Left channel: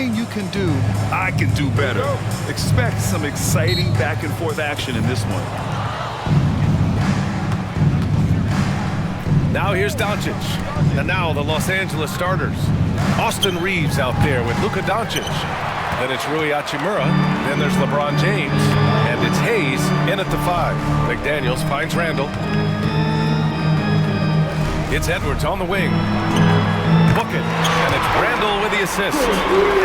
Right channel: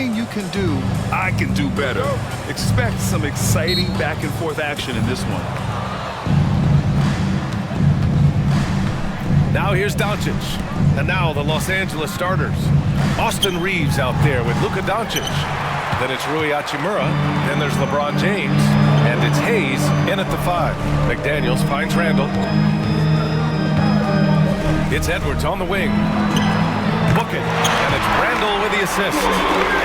anything you can do, I can do better. Expect some exciting back and forth action in this one. Now here's Doncic. And now the Los Angeles starters. Austin Reeves out there with Luka Doncic. Then it's Rui Hachimura. Then there's LeBron James. And it's Hayes in at the 5. McDaniels finds Randall. It's Edwards on the wing. Book it. And it's Randall with the assist.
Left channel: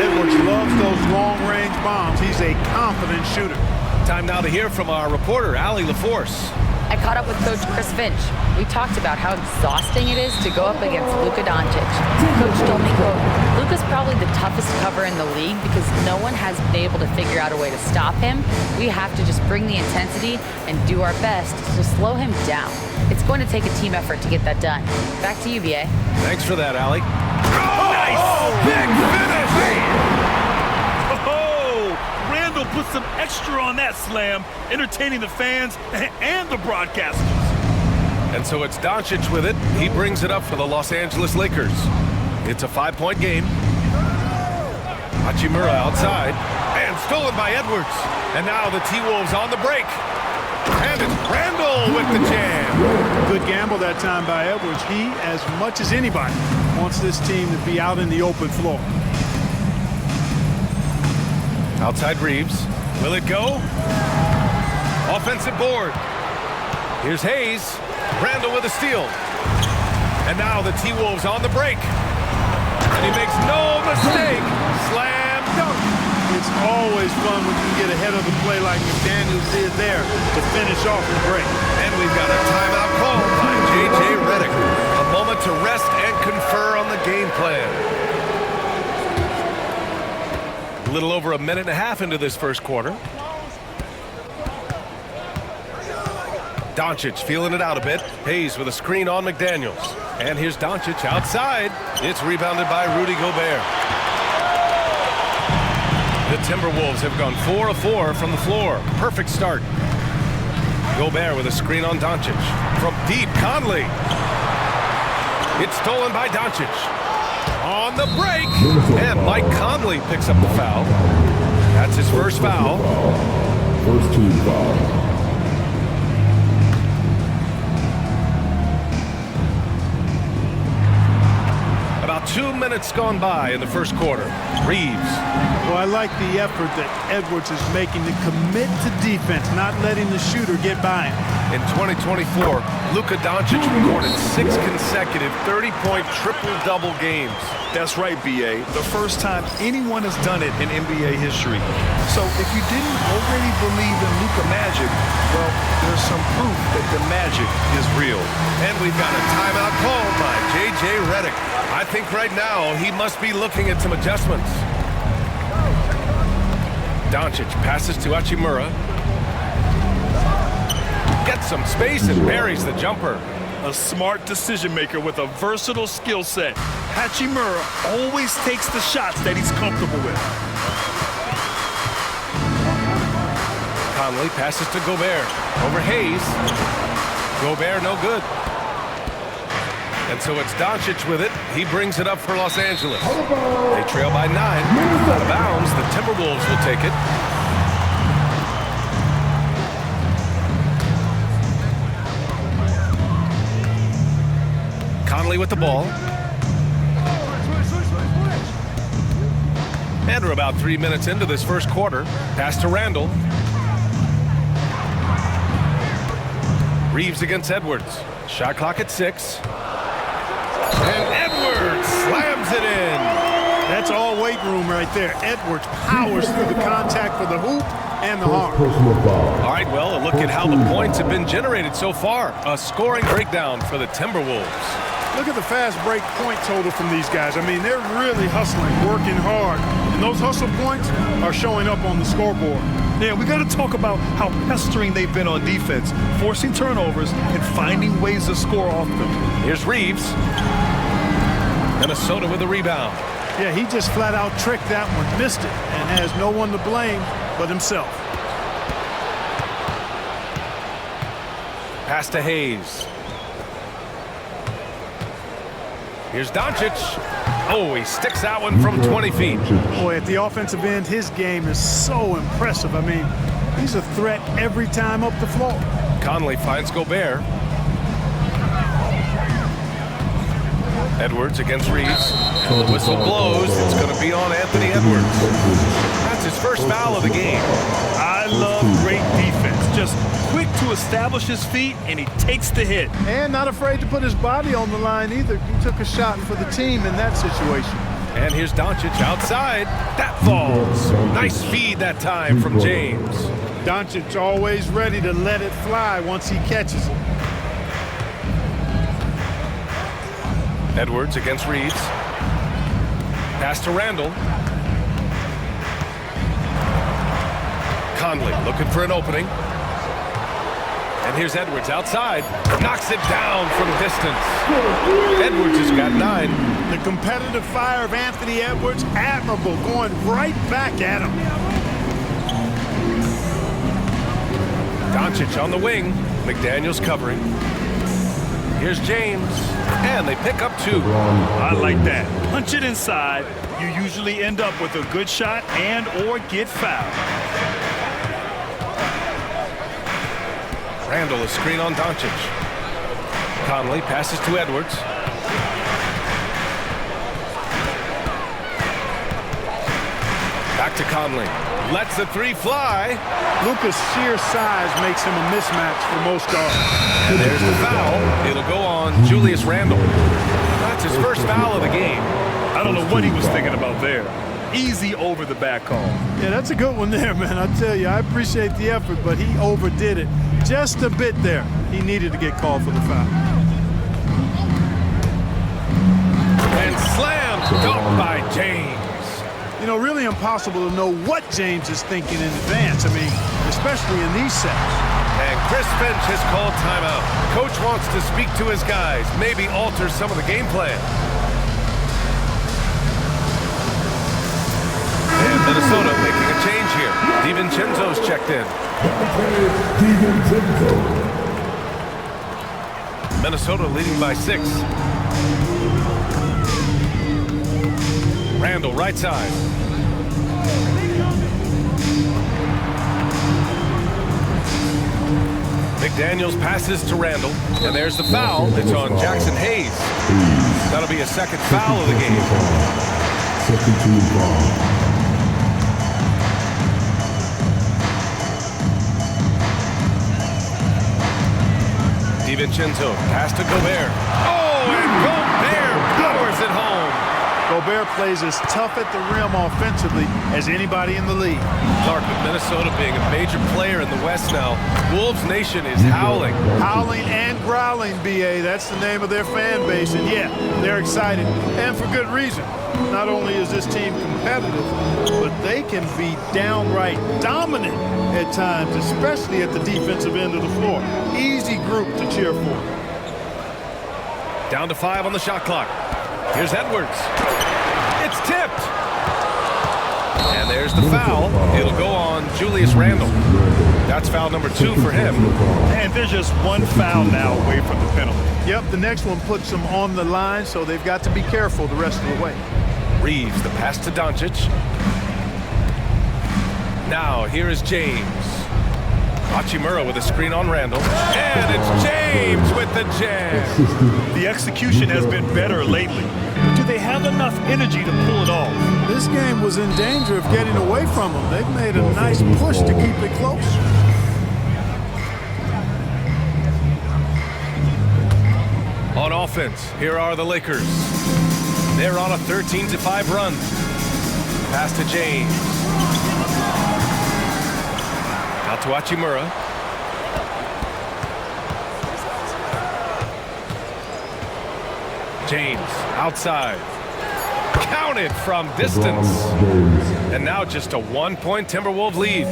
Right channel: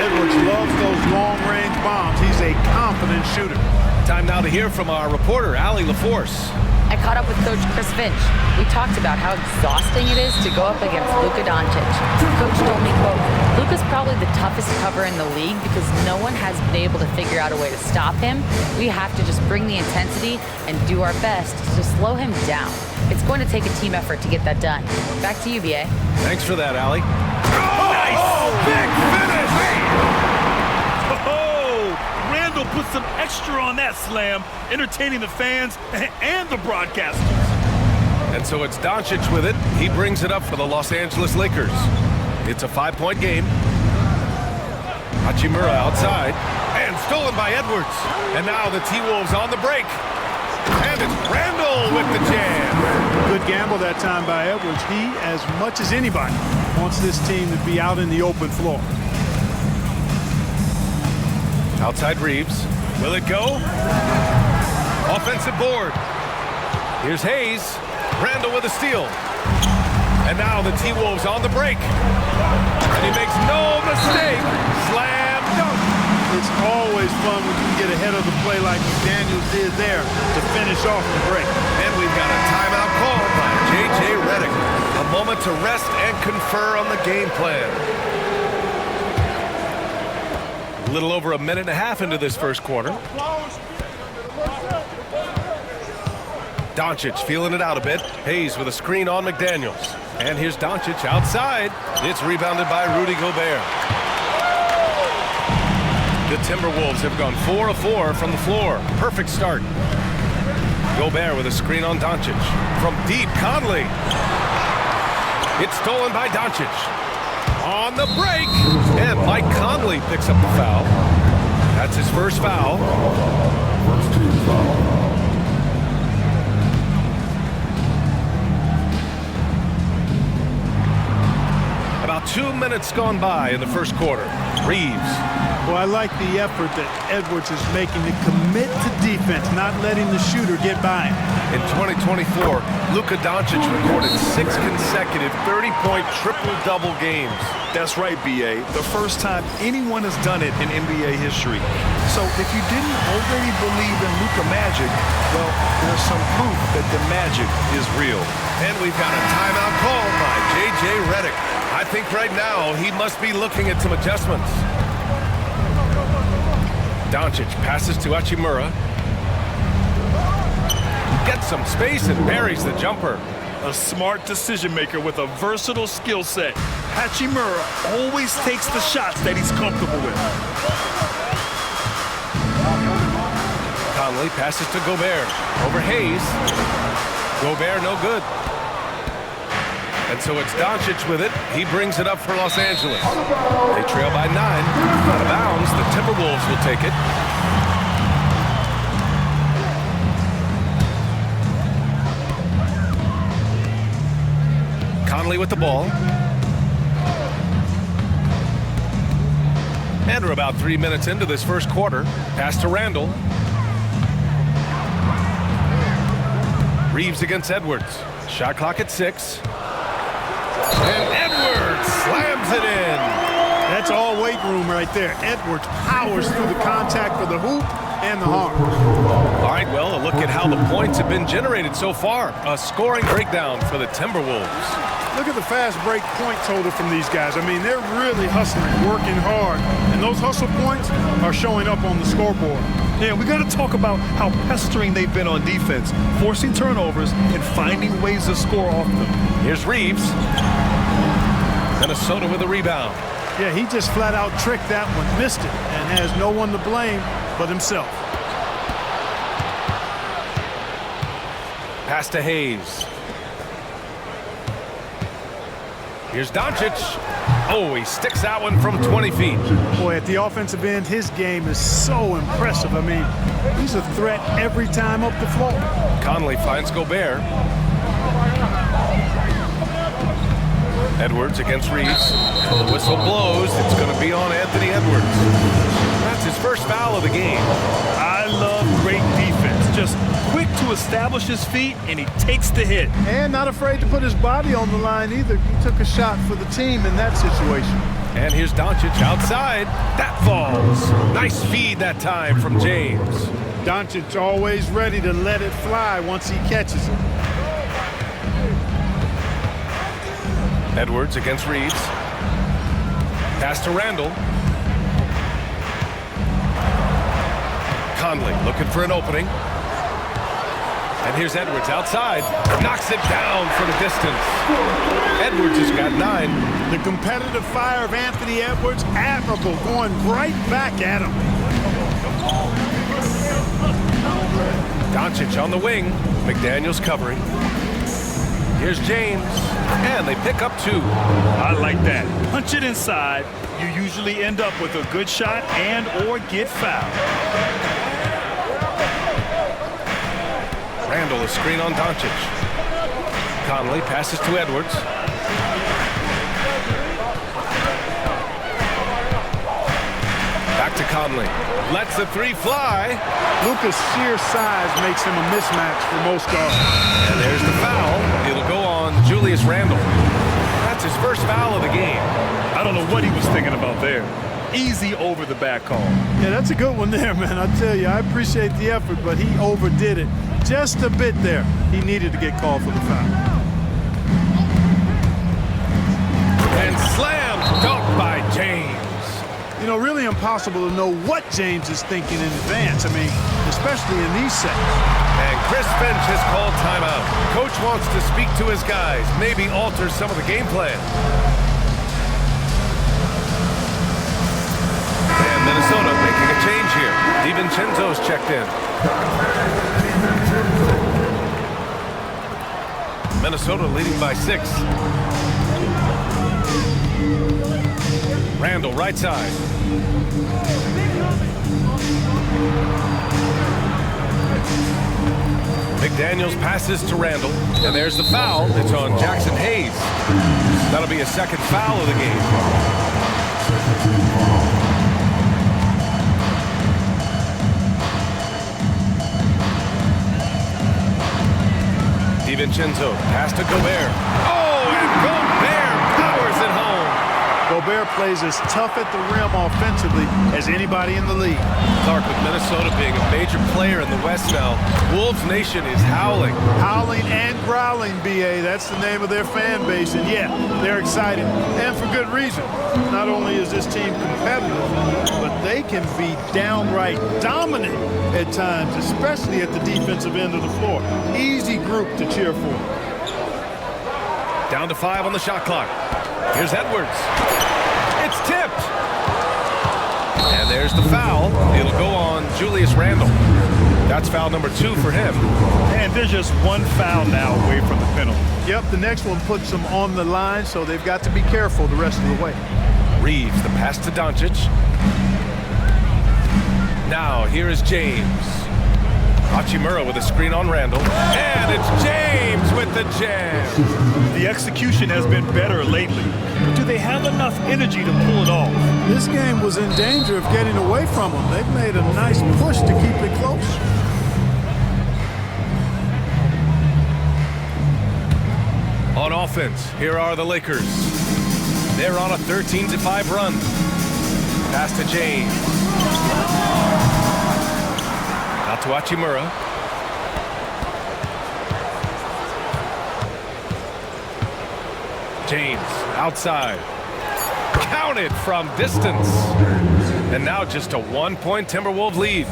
Edwards loves those long-range bombs. He's a confident shooter. Time now to hear from our reporter, Allie LaForce. I caught up with Coach Chris Finch. We talked about how exhausting it is to go up against Luka Doncic. Coach told me, quote, Luka's probably the toughest cover in the league because no one has been able to figure out a way to stop him. We have to just bring the intensity and do our best to slow him down. It's going to take a team effort to get that done. Back to you, B.A. Thanks for that, Allie. Nice! Big finish! Randall put some extra on that slam, entertaining the fans and the broadcasters. And so it's Doncic with it. He brings it up for the Los Angeles Lakers. It's a 5-point game. Hachimura outside. And stolen by Edwards. And now the T-Wolves on the break. And it's Randall with the jam. Good gamble that time by Edwards. He, as much as anybody, wants this team to be out in the open floor. Outside Reeves. Will it go? Offensive board. Here's Hayes. Randall with a steal. And now the T-Wolves on the break. And he makes no mistake. Slam dunk. It's always fun when you can get ahead of the play like McDaniels did there to finish off the break. And we've got a timeout called by J.J. Redick. A moment to rest and confer on the game plan. A little over a minute and a half into this first quarter. Doncic feeling it out a bit. Hayes with a screen on McDaniels. And here's Doncic outside. It's rebounded by Rudy Gobert. The Timberwolves have gone 4 of 4 from the floor. Perfect start. Gobert with a screen on Doncic. From deep, Conley. It's stolen by Doncic. On the break. And Mike Conley picks up the foul. That's his first foul. First team foul. About 2 minutes gone by in the first quarter. Reeves. Well, I like the effort that Edwards is making to commit to defense, not letting the shooter get by him. In 2024, Luka Doncic recorded 6 consecutive 30-point triple-double games. That's right, B.A. The first time anyone has done it in NBA history. So if you didn't already believe in Luka magic, well, there's some proof that the magic is real. And we've got a timeout called by J.J. Redick. I think right now he must be looking at some adjustments. Doncic passes to Hachimura. Gets some space and buries the jumper. A smart decision maker with a versatile skill set. Hachimura always takes the shots that he's comfortable with. Conley passes to Gobert. Over Hayes. Gobert no good. And so it's Doncic with it. He brings it up for Los Angeles. They trail by 9. Out of bounds. The Timberwolves will take it. Conley with the ball. And we're about 3 minutes into this first quarter. Pass to Randall. Reeves against Edwards. Shot clock at 6. And Edwards slams it in. That's all weight room right there. Edwards powers through the contact for the hoop and the harm. All right, well, a look at how the points have been generated so far. A scoring breakdown for the Timberwolves. Look at the fast break point total from these guys. I mean, they're really hustling, working hard. And those hustle points are showing up on the scoreboard. Yeah, we got to talk about how pestering they've been on defense, forcing turnovers and finding ways to score off them. Here's Reeves. Minnesota with a rebound. Yeah, he just flat out tricked that one, missed it, and has no one to blame but himself. Pass to Hayes. Here's Doncic. Oh, he sticks that one from 20 feet. Boy, at the offensive end, his game is so impressive. I mean, he's a threat every time up the floor. Conley finds Gobert. Edwards against Reeves. And the whistle blows. It's going to be on Anthony Edwards. That's his first foul of the game. I love great defense. Just quick to establish his feet, and he takes the hit. And not afraid to put his body on the line either. He took a shot for the team in that situation. And here's Doncic outside. That falls. Nice feed that time from James. Doncic always ready to let it fly once he catches it. Edwards against Reeves. Pass to Randall. Conley looking for an opening. And here's Edwards outside. Knocks it down from distance. Edwards has got 9. The competitive fire of Anthony Edwards, admirable, going right back at him. Doncic on the wing. McDaniels covering. Here's James. And they pick up 2. I like that. Punch it inside. You usually end up with a good shot and or get fouled. Randall a screen on Doncic. Conley passes to Edwards. Back to Conley. Lets the 3 fly. Luka's sheer size makes him a mismatch for most guards. And there's the foul. It'll go on Julius Randle. That's his first foul of the game. I don't know what he was thinking about there. Easy over the back call. Yeah, that's a good one there, man. I tell you, I appreciate the effort, but he overdid it just a bit there. He needed to get called for the foul. And slam dunk by James. You know, really impossible to know what James is thinking in advance. I mean, especially in these sets. And Chris Finch has called timeout. Coach wants to speak to his guys, maybe alter some of the game plan. And Minnesota making a change here. DiVincenzo's checked in. Minnesota leading by 6. Randall right side. McDaniels passes to Randall, and there's the foul. It's on Jackson Hayes. That'll be a second foul of the game. Second team foul. DiVincenzo pass to Gobert. Oh, and Gobert powers it home. Gobert plays as tough at the rim offensively as anybody in the league. Clark, with Minnesota being a major player in the West now, Wolves Nation is howling. Howling and growling, B.A. That's the name of their fan base. And, yeah, they're excited, and for good reason. Not only is this team competitive, but they can be downright dominant at times, especially at the defensive end of the floor. Easy group to cheer for. Down to 5 on the shot clock. Here's Edwards. It's tipped. And there's the foul. It'll go on Julius Randle. That's foul number 2 for him. And there's just one foul now away from the penalty. Yep, the next one puts them on the line, so they've got to be careful the rest of the way. Reeves, the pass to Doncic. Now, here is James. Hachimura with a screen on Randall. And it's James with the jam. The execution has been better lately, but do they have enough energy to pull it off? This game was in danger of getting away from them. They've made a nice push to keep it close. On offense, here are the Lakers. They're on a 13-5 run. Pass to James. Out to Hachimura. James outside. Counted from distance. And now just a 1-point Timberwolves lead.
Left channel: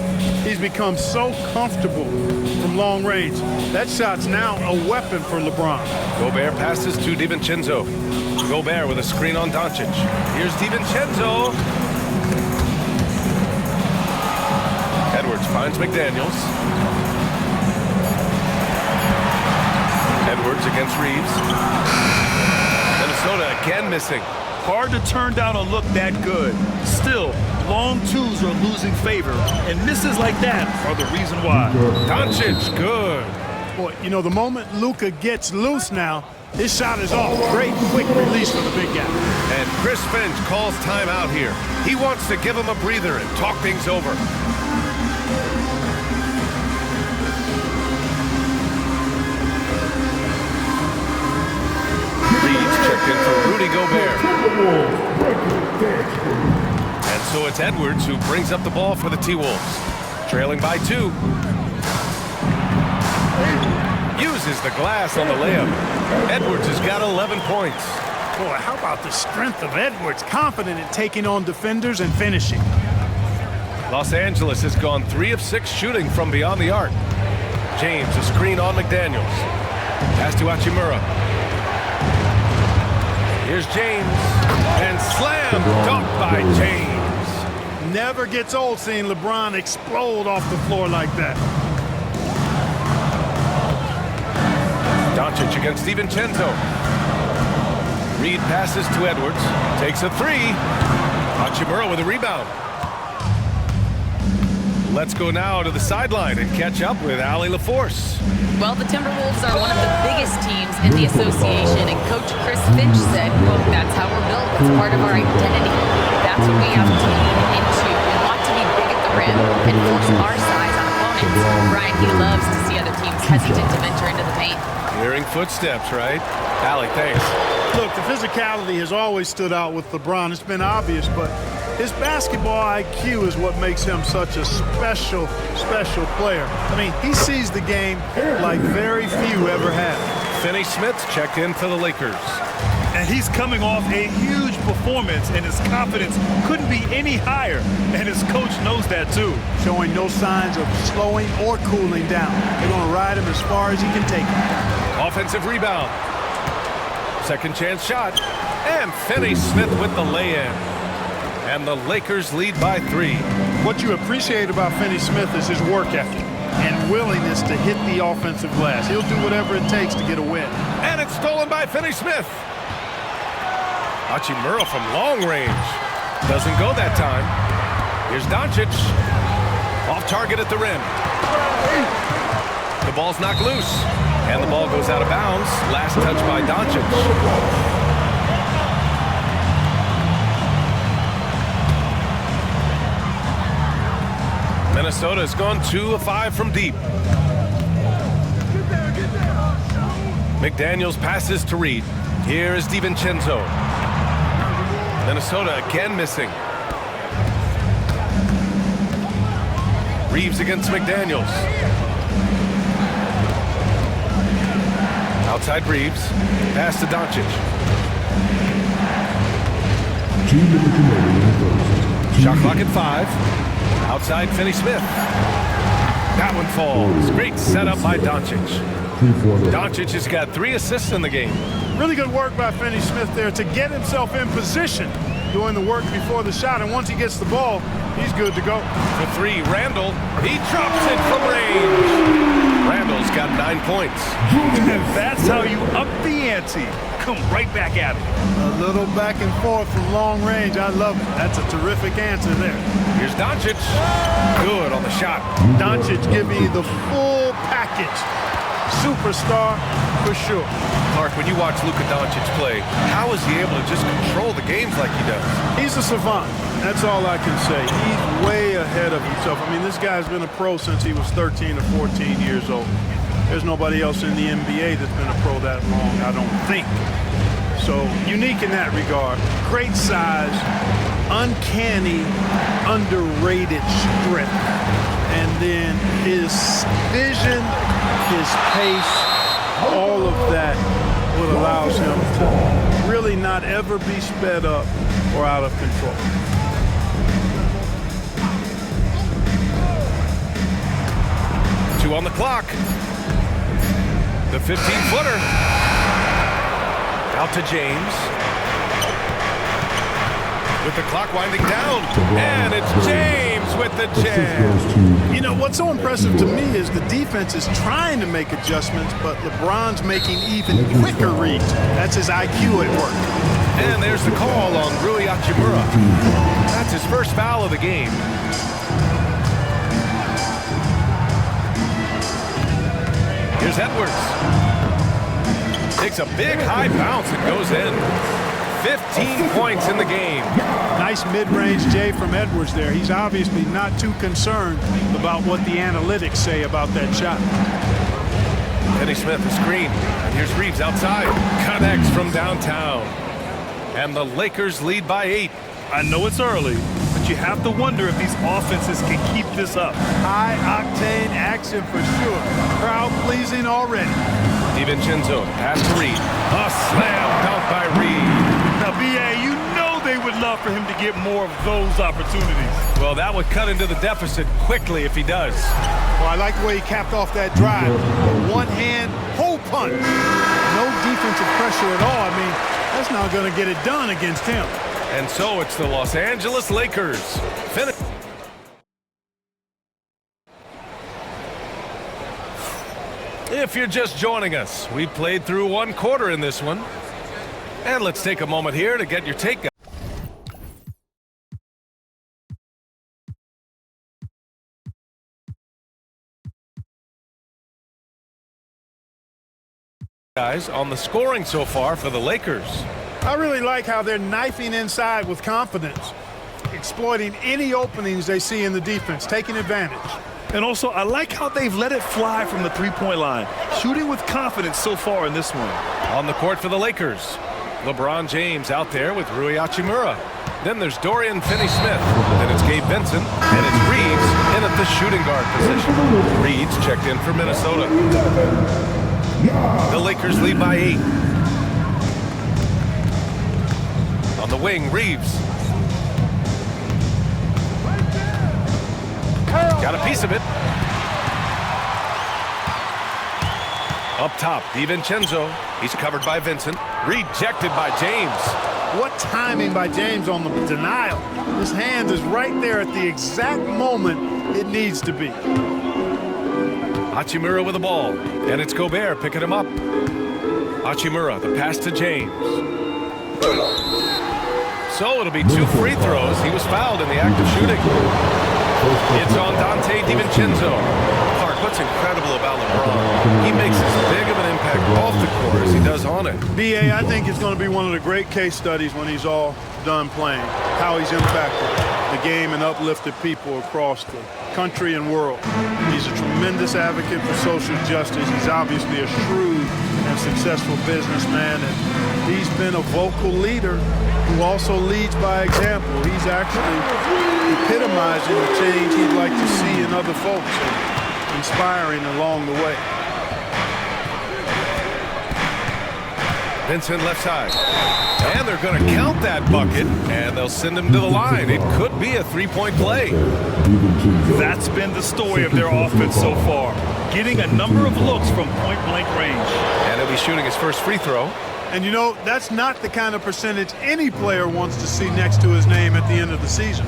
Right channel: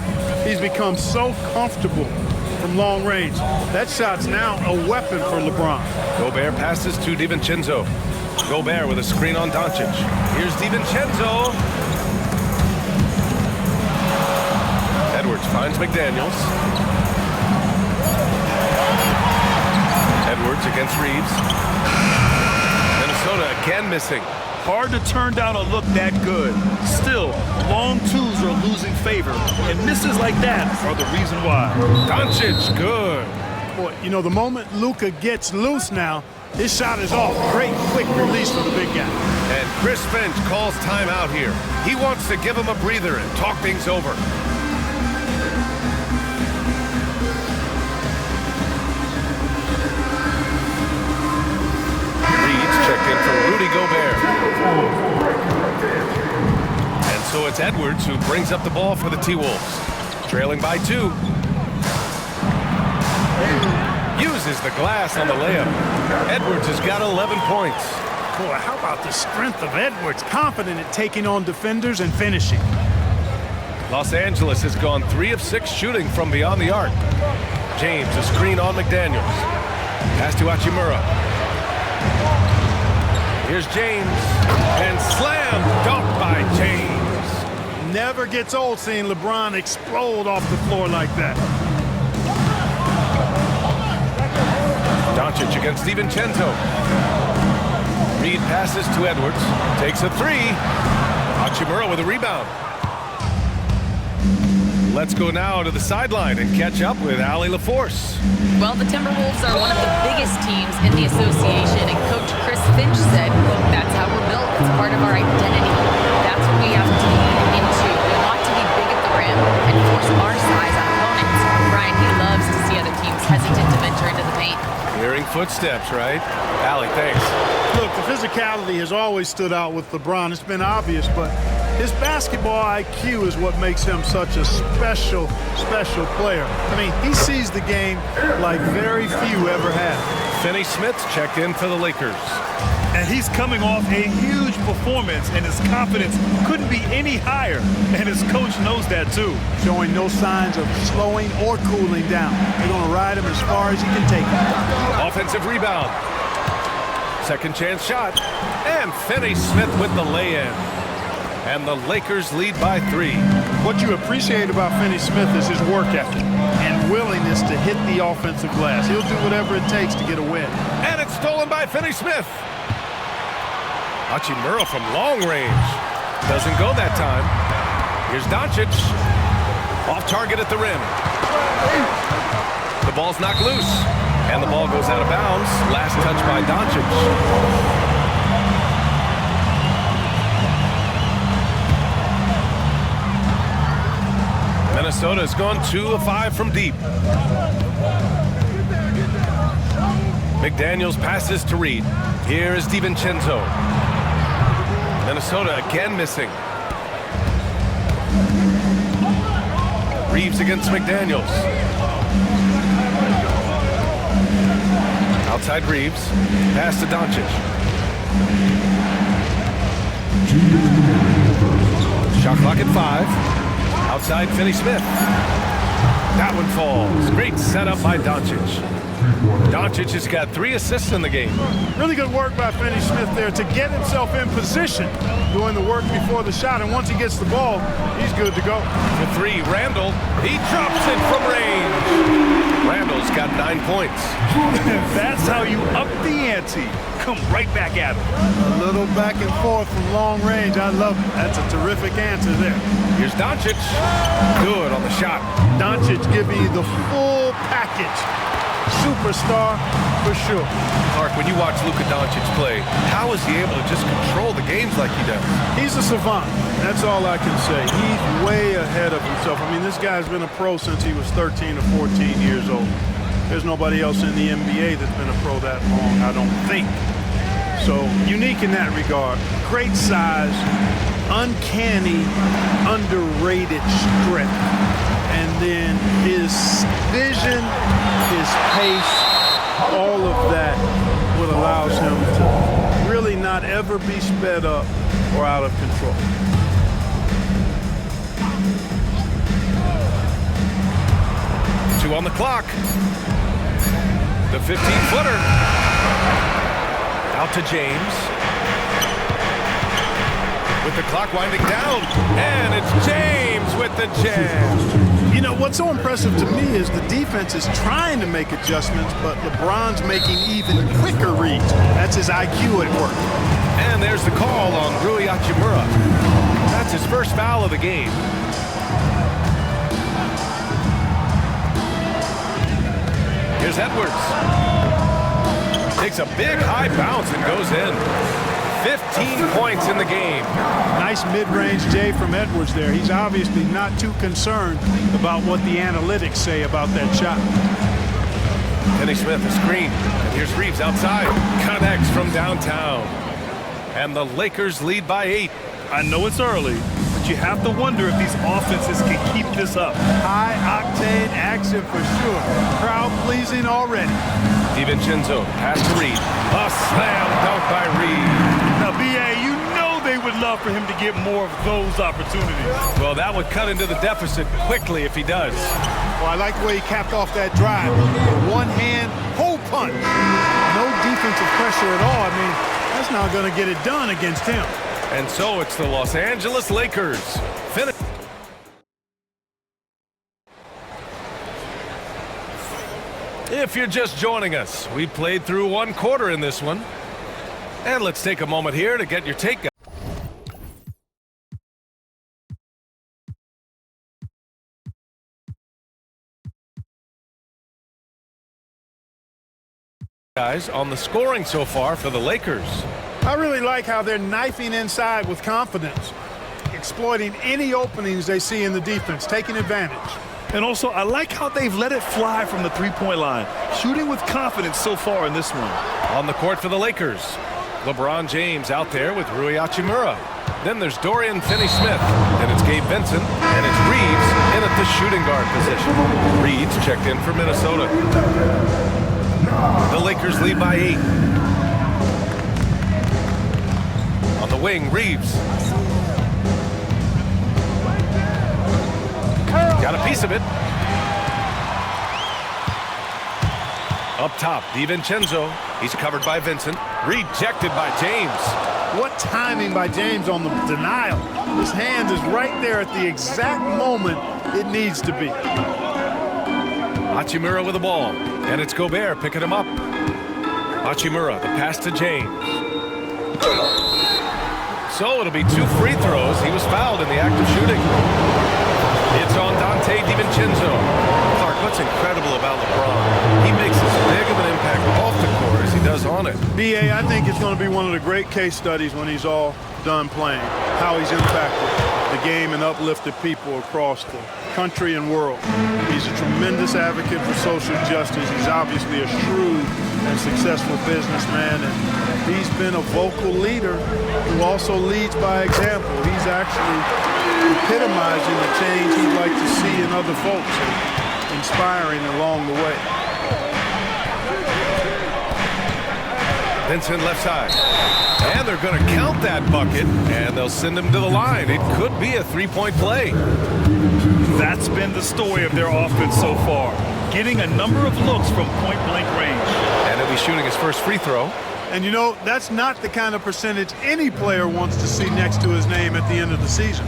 He's become so comfortable from long range. That shot's now a weapon for LeBron. Gobert passes to DiVincenzo. Gobert with a screen on Doncic. Here's DiVincenzo. Edwards finds McDaniels. Edwards against Reeves. Minnesota again missing. Hard to turn down a look that good. Still, long twos are losing favor, and misses like that are the reason why. Doncic, good. Boy, you know, the moment Luka gets loose now, his shot is off. Great quick release for the big guy. And Chris Finch calls timeout here. He wants to give him a breather and talk things over. Reed's checked in for Rudy Gobert. And so it's Edwards who brings up the ball for the T-Wolves. Trailing by 2. Uses the glass on the layup. Edwards has got 11 points. Boy, how about the strength of Edwards? Confident at taking on defenders and finishing. Los Angeles has gone 3 of 6 shooting from beyond the arc. James, a screen on McDaniels. Pass to Hachimura. Here's James. And slam dunk by James. Never gets old seeing LeBron explode off the floor like that. Doncic against DiVincenzo. Reed passes to Edwards. Takes a 3. Hachimura with a rebound. Let's go now to the sideline and catch up with Allie LaForce. Well, the Timberwolves are one of the biggest teams in the association, and Coach Chris Finch said, quote, "That's how we're built. It's part of our identity. That's what we have to lean into. We want to be big at the rim and force our size on opponents." Brian, he loves to see other teams hesitant to venture into the paint. Hearing footsteps, right? Allie, thanks. Look, the physicality has always stood out with LeBron. It's been obvious, but his basketball IQ is what makes him such a special player. I mean, he sees the game like very few ever have. Finney Smith checked in for the Lakers. And he's coming off a huge performance, and his confidence couldn't be any higher. And his coach knows that, too. Showing no signs of slowing or cooling down. They're going to ride him as far as he can take him. Offensive rebound. Second chance shot. And Finney Smith with the lay-in. And the Lakers lead by 3. What you appreciate about Finney Smith is his work ethic and willingness to hit the offensive glass. He'll do whatever it takes to get a win. And it's stolen by Finney Smith. Hachimura from long range. Doesn't go that time. Here's Doncic. Off target at the rim. The ball's knocked loose. And the ball goes out of bounds. Last touch by Doncic. Minnesota has gone 2 of 5 from deep. McDaniels passes to Reed. Here is DiVincenzo. Minnesota again missing. Reeves against McDaniels. Outside Reeves. Pass to Doncic. Shot clock at 5. Outside Finney Smith. That one falls. Great setup by Doncic. Doncic has got 3 assists in the game. Really good work by Finney Smith there to get himself in position, doing the work before the shot. And once he gets the ball, he's good to go. For 3, Randall. He drops it from range. Randall's got 9 points. That's how you up the ante. Come right back at him. A little back and forth from long range. I love it. That's a terrific answer there. Here's Doncic. Good on the shot. Doncic giving you the full package. Superstar for sure. Clark, when you watch Luka Doncic play, how is he able to just control the games like he does? He's a savant. That's all I can say. He's way ahead of himself. I mean, this guy's been a pro since he was 13 or 14 years old. There's nobody else in the NBA that's been a pro that long, I don't think. So, unique in that regard. Great size, uncanny, underrated strength. And then his vision, his pace, all of that what allows him to really not ever be sped up or out of control. Two on the clock. The 15-footer. Out to James. With the clock winding down. And it's James with the jam. You know, what's so impressive to me is the defense is trying to make adjustments, but LeBron's making even quicker reads. That's his IQ at work. And there's the call on Rui Hachimura. That's his first foul of the game. Here's Edwards. Takes a big high bounce and goes in. 15 points in the game. Nice mid-range J from Edwards there. He's obviously not too concerned about what the analytics say about that shot. Finney Smith, a screen. And here's Reeves outside. Connects from downtown. And the Lakers lead by 8. I know it's early, but you have to wonder if these offenses can keep this up. High-octane action for sure. Crowd-pleasing already. DiVincenzo, pass to Reed. A slam dunk by Reed. Now, B.A., you know they would love for him to get more of those opportunities. Well, that would cut into the deficit quickly if he does. Well, I like the way he capped off that drive. A one-hand hole punch. No defensive pressure at all. I mean, that's not going to get it done against him. And so it's the Los Angeles Lakers. Finish. If you're just joining us, we played through one quarter in this one. And let's take a moment here to get your take. Guys, on the scoring so far for the Lakers. I really like how they're knifing inside with confidence, exploiting any openings they see in the defense, taking advantage. And also, I like how they've let it fly from the three-point line, shooting with confidence so far in this one. On the court for the Lakers, LeBron James out there with Rui Hachimura. Then there's Dorian Finney-Smith. Then it's Gabe Vincent, and it's Reeves in at the shooting guard position. Reeves checked in for Minnesota. The Lakers lead by 8. On the wing, Reeves. Got a piece of it. Up top, DiVincenzo. He's covered by Vincent. Rejected by James. What timing by James on the denial. His hand is right there at the exact moment it needs to be. Hachimura with the ball. And it's Gobert picking him up. Hachimura, the pass to James. So it'll be 2 free throws. He was fouled in the act of shooting. It's on Dante DiVincenzo. Clark, what's incredible about LeBron? He makes as big of an impact off the court as he does on it. B.A., I think it's going to be one of the great case studies when he's all done playing, how he's impacted the game and uplifted people across the country and world. He's a tremendous advocate for social justice. He's obviously a shrewd and successful businessman, and he's been a vocal leader who also leads by example. He's actually epitomizing the change he'd like to see in other folks and inspiring along the way. Vincent left side. And they're going to count that bucket, and they'll send him to the line. It could be a three-point play. That's been the story of their offense so far, getting a number of looks from point-blank range. And he'll be shooting his first free throw. And you know, that's not the kind of percentage any player wants to see next to his name at the end of the season.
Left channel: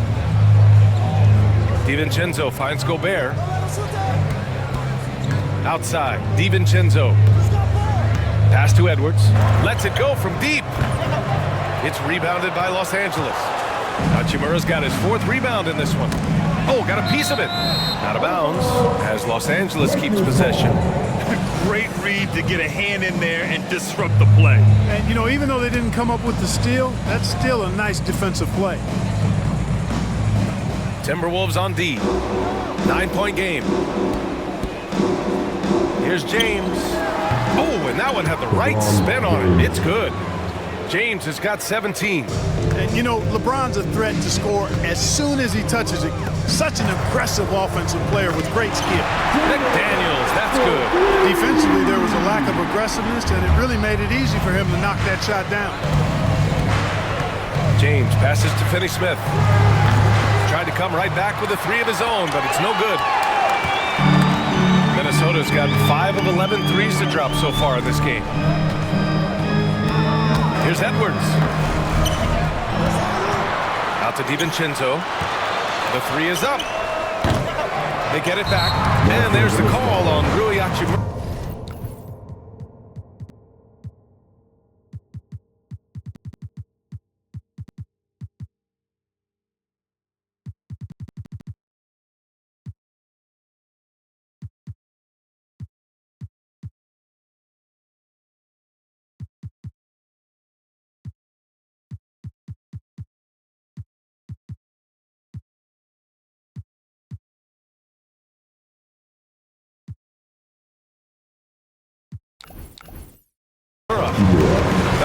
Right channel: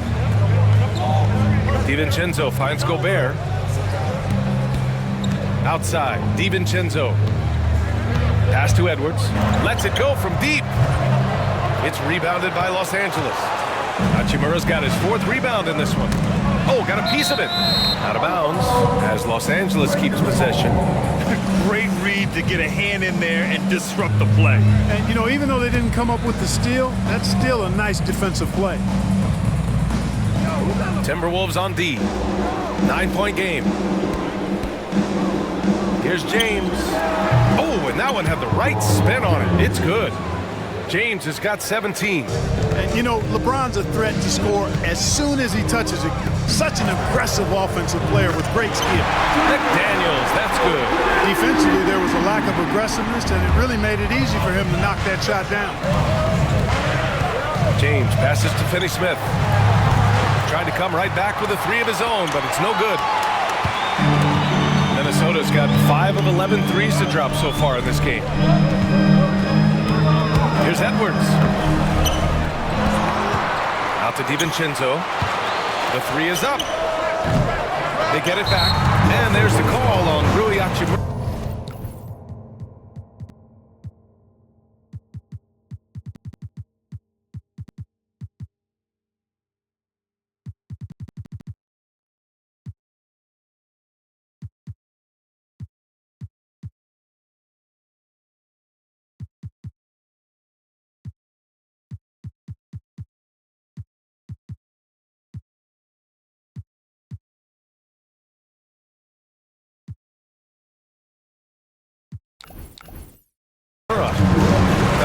DiVincenzo finds Gobert. Outside, DiVincenzo. Pass to Edwards. Lets it go from deep. It's rebounded by Los Angeles. Hachimura's got his 4th rebound in this one. Oh, got a piece of it. Out of bounds as Los Angeles keeps possession. Great read to get a hand in there and disrupt the play. And, you know, even though they didn't come up with the steal, that's still a nice defensive play. Timberwolves on D. 9-point game. Here's James. Oh, and that one had the right spin on it. It's good. James has got 17. And, you know, LeBron's a threat to score as soon as he touches it. Such an aggressive offensive player with great skill. McDaniels, that's good. Defensively, there was a lack of aggressiveness, and it really made it easy for him to knock that shot down. James passes to Finney-Smith. Tried to come right back with a 3 of his own, but it's no good. Minnesota's got 5 of 11 threes to drop so far in this game. Here's Edwards. Out to DiVincenzo. The 3 is up. They get it back, and there's the call on Rui Hachimura.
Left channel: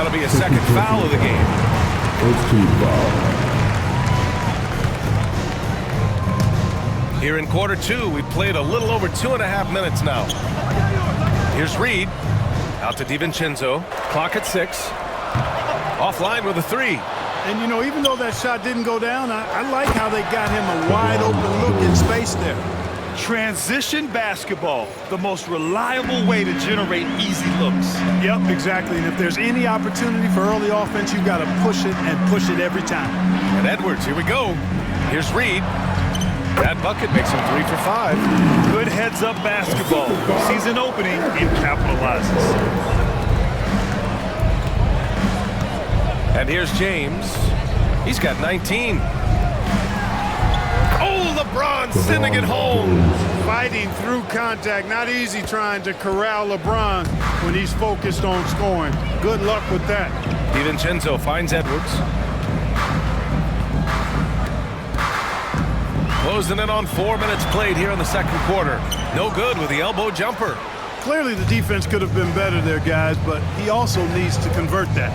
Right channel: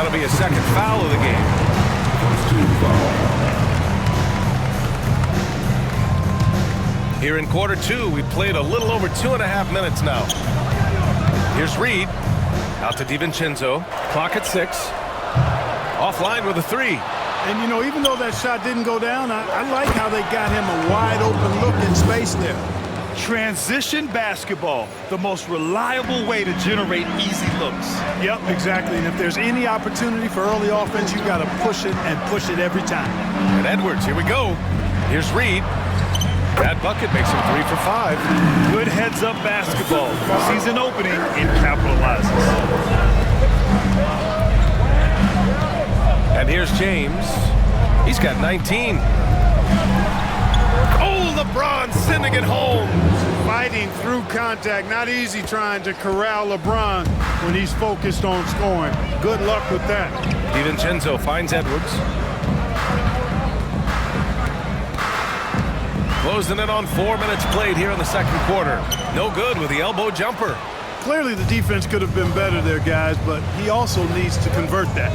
That'll be a second foul of the game. First team foul. Here in quarter two, we played a little over 2.5 minutes now. Here's Reed. Out to DiVincenzo. Clock at 6. Offline with a 3. And, you know, even though that shot didn't go down, I like how they got him a wide open look in space there. Transition basketball, the most reliable way to generate easy looks. Yep, exactly. And if there's any opportunity for early offense, you've got to push it and push it every time. And Edwards, here we go. Here's Reed. That bucket makes him 3 for 5. Good heads-up basketball. Sees an opening and capitalizes. And here's James. He's got 19. Oh, LeBron sending it home. Fighting through contact. Not easy trying to corral LeBron when he's focused on scoring. Good luck with that. DiVincenzo finds Edwards. Closing in on 4 minutes played here in the second quarter. No good with the elbow jumper. Clearly the defense could have been better there, guys, but he also needs to convert that.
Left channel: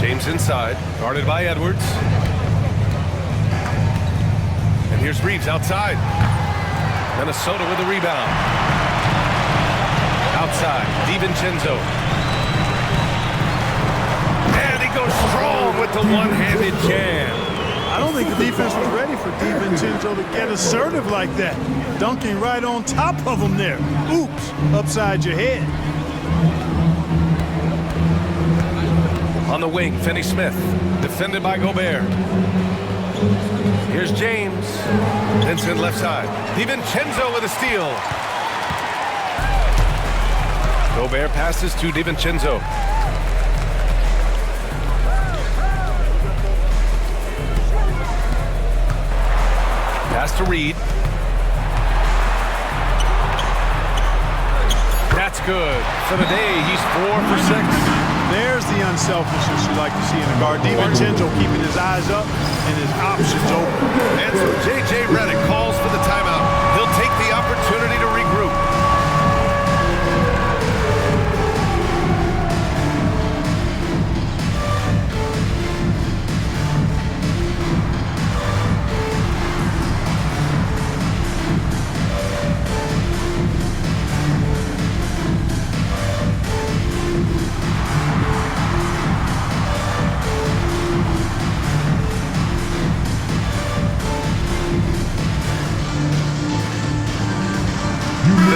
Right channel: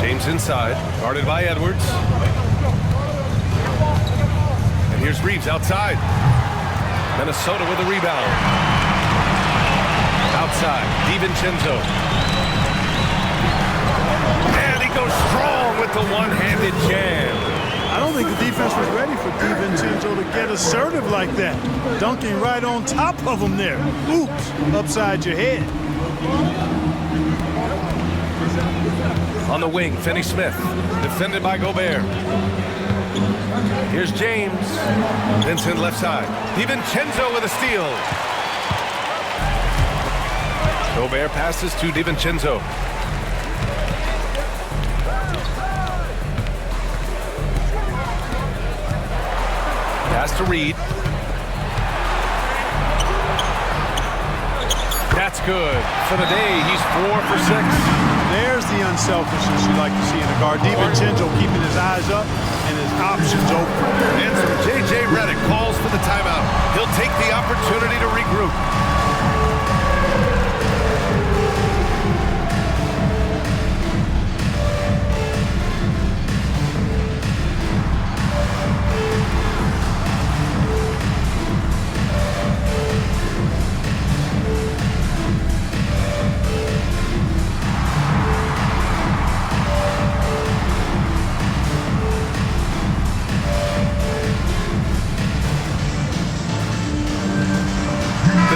James inside, guarded by Edwards. And here's Reeves outside. Minnesota with the rebound. Outside, DiVincenzo. And he goes strong with the one-handed jam. I don't think the defense was ready for DiVincenzo to get assertive like that. Dunking right on top of him there. Oops, upside your head. On the wing, Finney-Smith, defended by Gobert. Here's James. Vincent left side. DiVincenzo with a steal. Gobert passes to DiVincenzo. Pass to Reed. That's good. For the day, he's 4 for 6. There's the unselfishness you like to see in a guard. DiVincenzo keeping his eyes up and his options open. And so J.J. Redick calls for the timeout. He'll take the opportunity to regroup.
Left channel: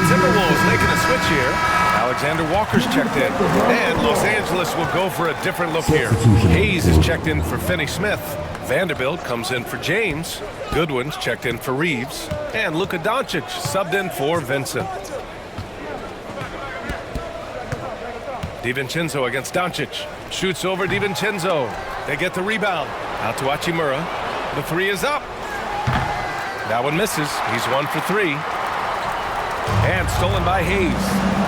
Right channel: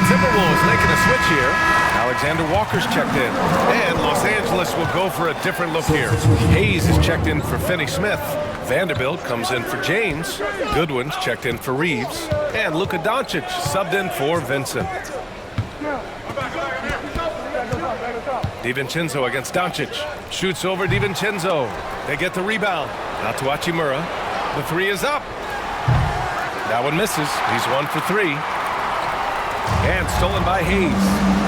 Timberwolves making a switch here. Alexander Walker's checked in. And Los Angeles will go for a different look here. Hayes is checked in for Finney-Smith. Vanderbilt comes in for James. Goodwin's checked in for Reeves. And Luka Doncic subbed in for Vincent. DiVincenzo against Doncic. Shoots over DiVincenzo. They get the rebound. Out to Hachimura. The 3 is up. That one misses. He's 1 for 3. And stolen by Hayes.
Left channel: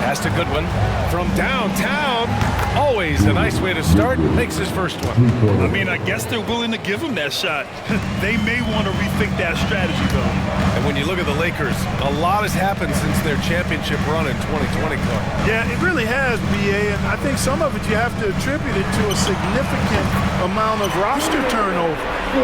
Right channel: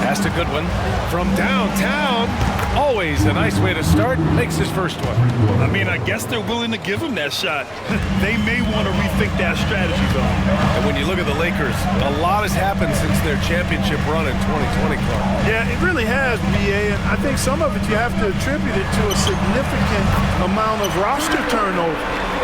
Pass to Goodwin from downtown. Always a nice way to start. Makes his first one. I mean, I guess they're willing to give him that shot. They may want to rethink that strategy, though. And when you look at the Lakers, a lot has happened since their championship run in 2020, Clark. Yeah, it really has, B.A., and I think some of it you have to attribute it to a significant amount of roster turnover.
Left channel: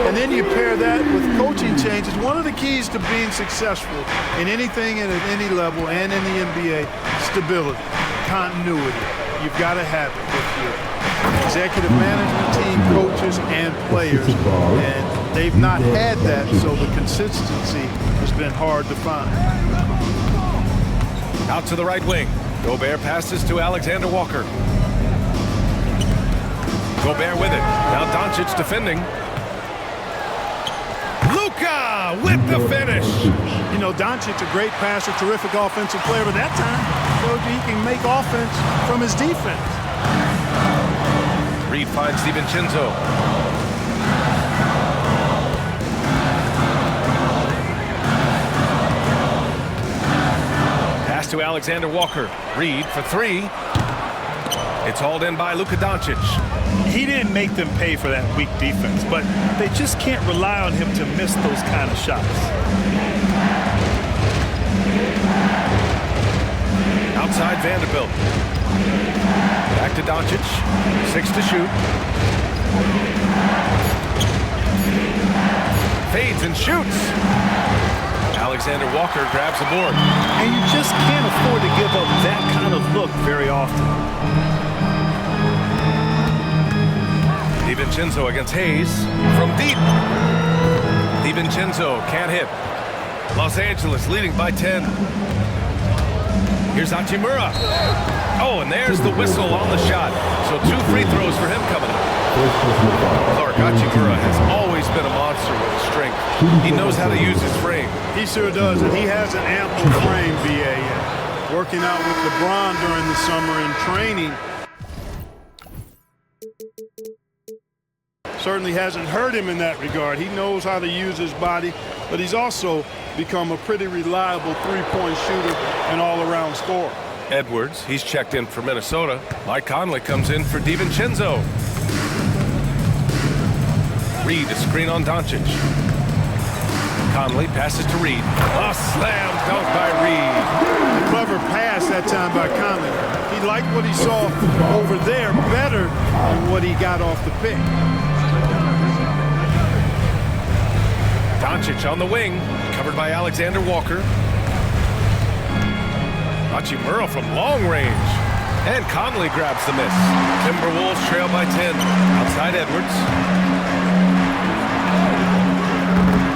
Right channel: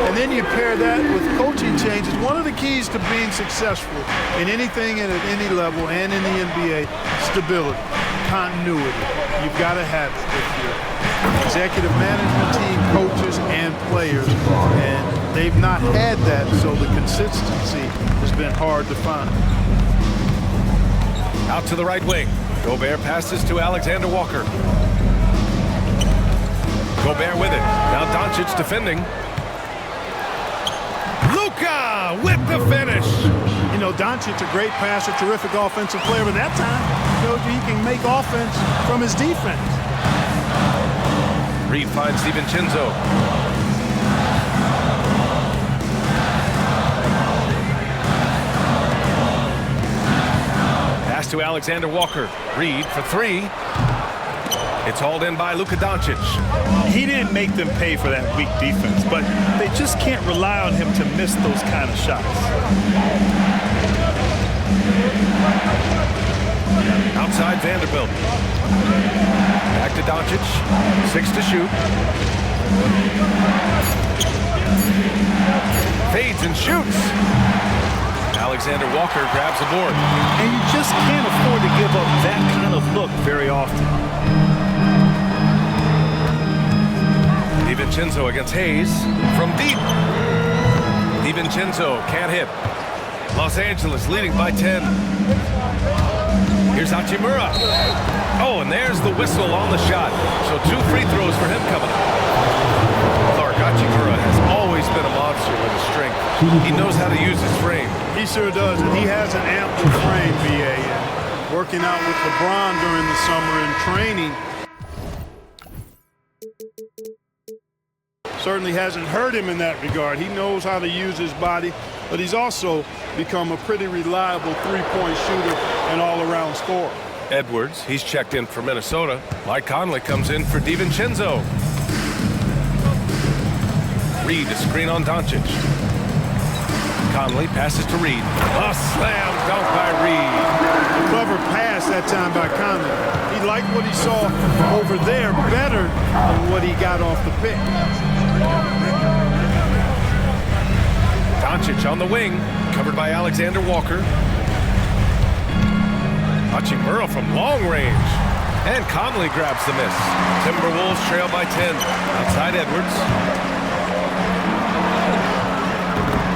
And then you pair that with coaching changes. One of the keys to being successful in anything and at any level and in the NBA, stability, continuity. You've got to have it with your executive management team, coaches, and players. And they've not had that, so the consistency has been hard to find. Out to the right wing. Gobert passes to Alexander Walker. Gobert with it. Now Doncic defending. Luka with the finish. You know, Doncic, a great passer, terrific offensive player, but that time showed you he can make offense from his defense. Reed finds DiVincenzo. Pass to Alexander Walker. Reed for 3. It's hauled in by Luka Doncic. He didn't make them pay for that weak defense, but they just can't rely on him to miss those kind of shots. Outside Vanderbilt. Back to Doncic. 6 to shoot. Fades and shoots. Alexander Walker grabs the board. And you just can't afford to give up that kind of look very often. DiVincenzo against Hayes from deep. DiVincenzo can't hit. Los Angeles leading by 10. Here's Hachimura. Oh, and there's the whistle on the shot. So 2 free throws for him coming up. Clark Hachimura has always been a monster with his strength. He knows how to use his frame. He sure does, and he has an ample frame, B.A. Working out with LeBron during the summer in training certainly hasn't hurt him in that regard. He knows how to use his body, but he's also become a pretty reliable three-point shooter and all-around scorer. Edwards, he's checked in for Minnesota. Mike Conley comes in for DiVincenzo. Reed, a screen on Doncic. Conley passes to Reed. A slam dunk by Reed. A clever pass that time by Conley. He liked what he saw over there better than what he got off the pick. Doncic on the wing, covered by Alexander Walker. Hachimura from long range. And Conley grabs the miss. Timberwolves trail by 10. Outside Edwards.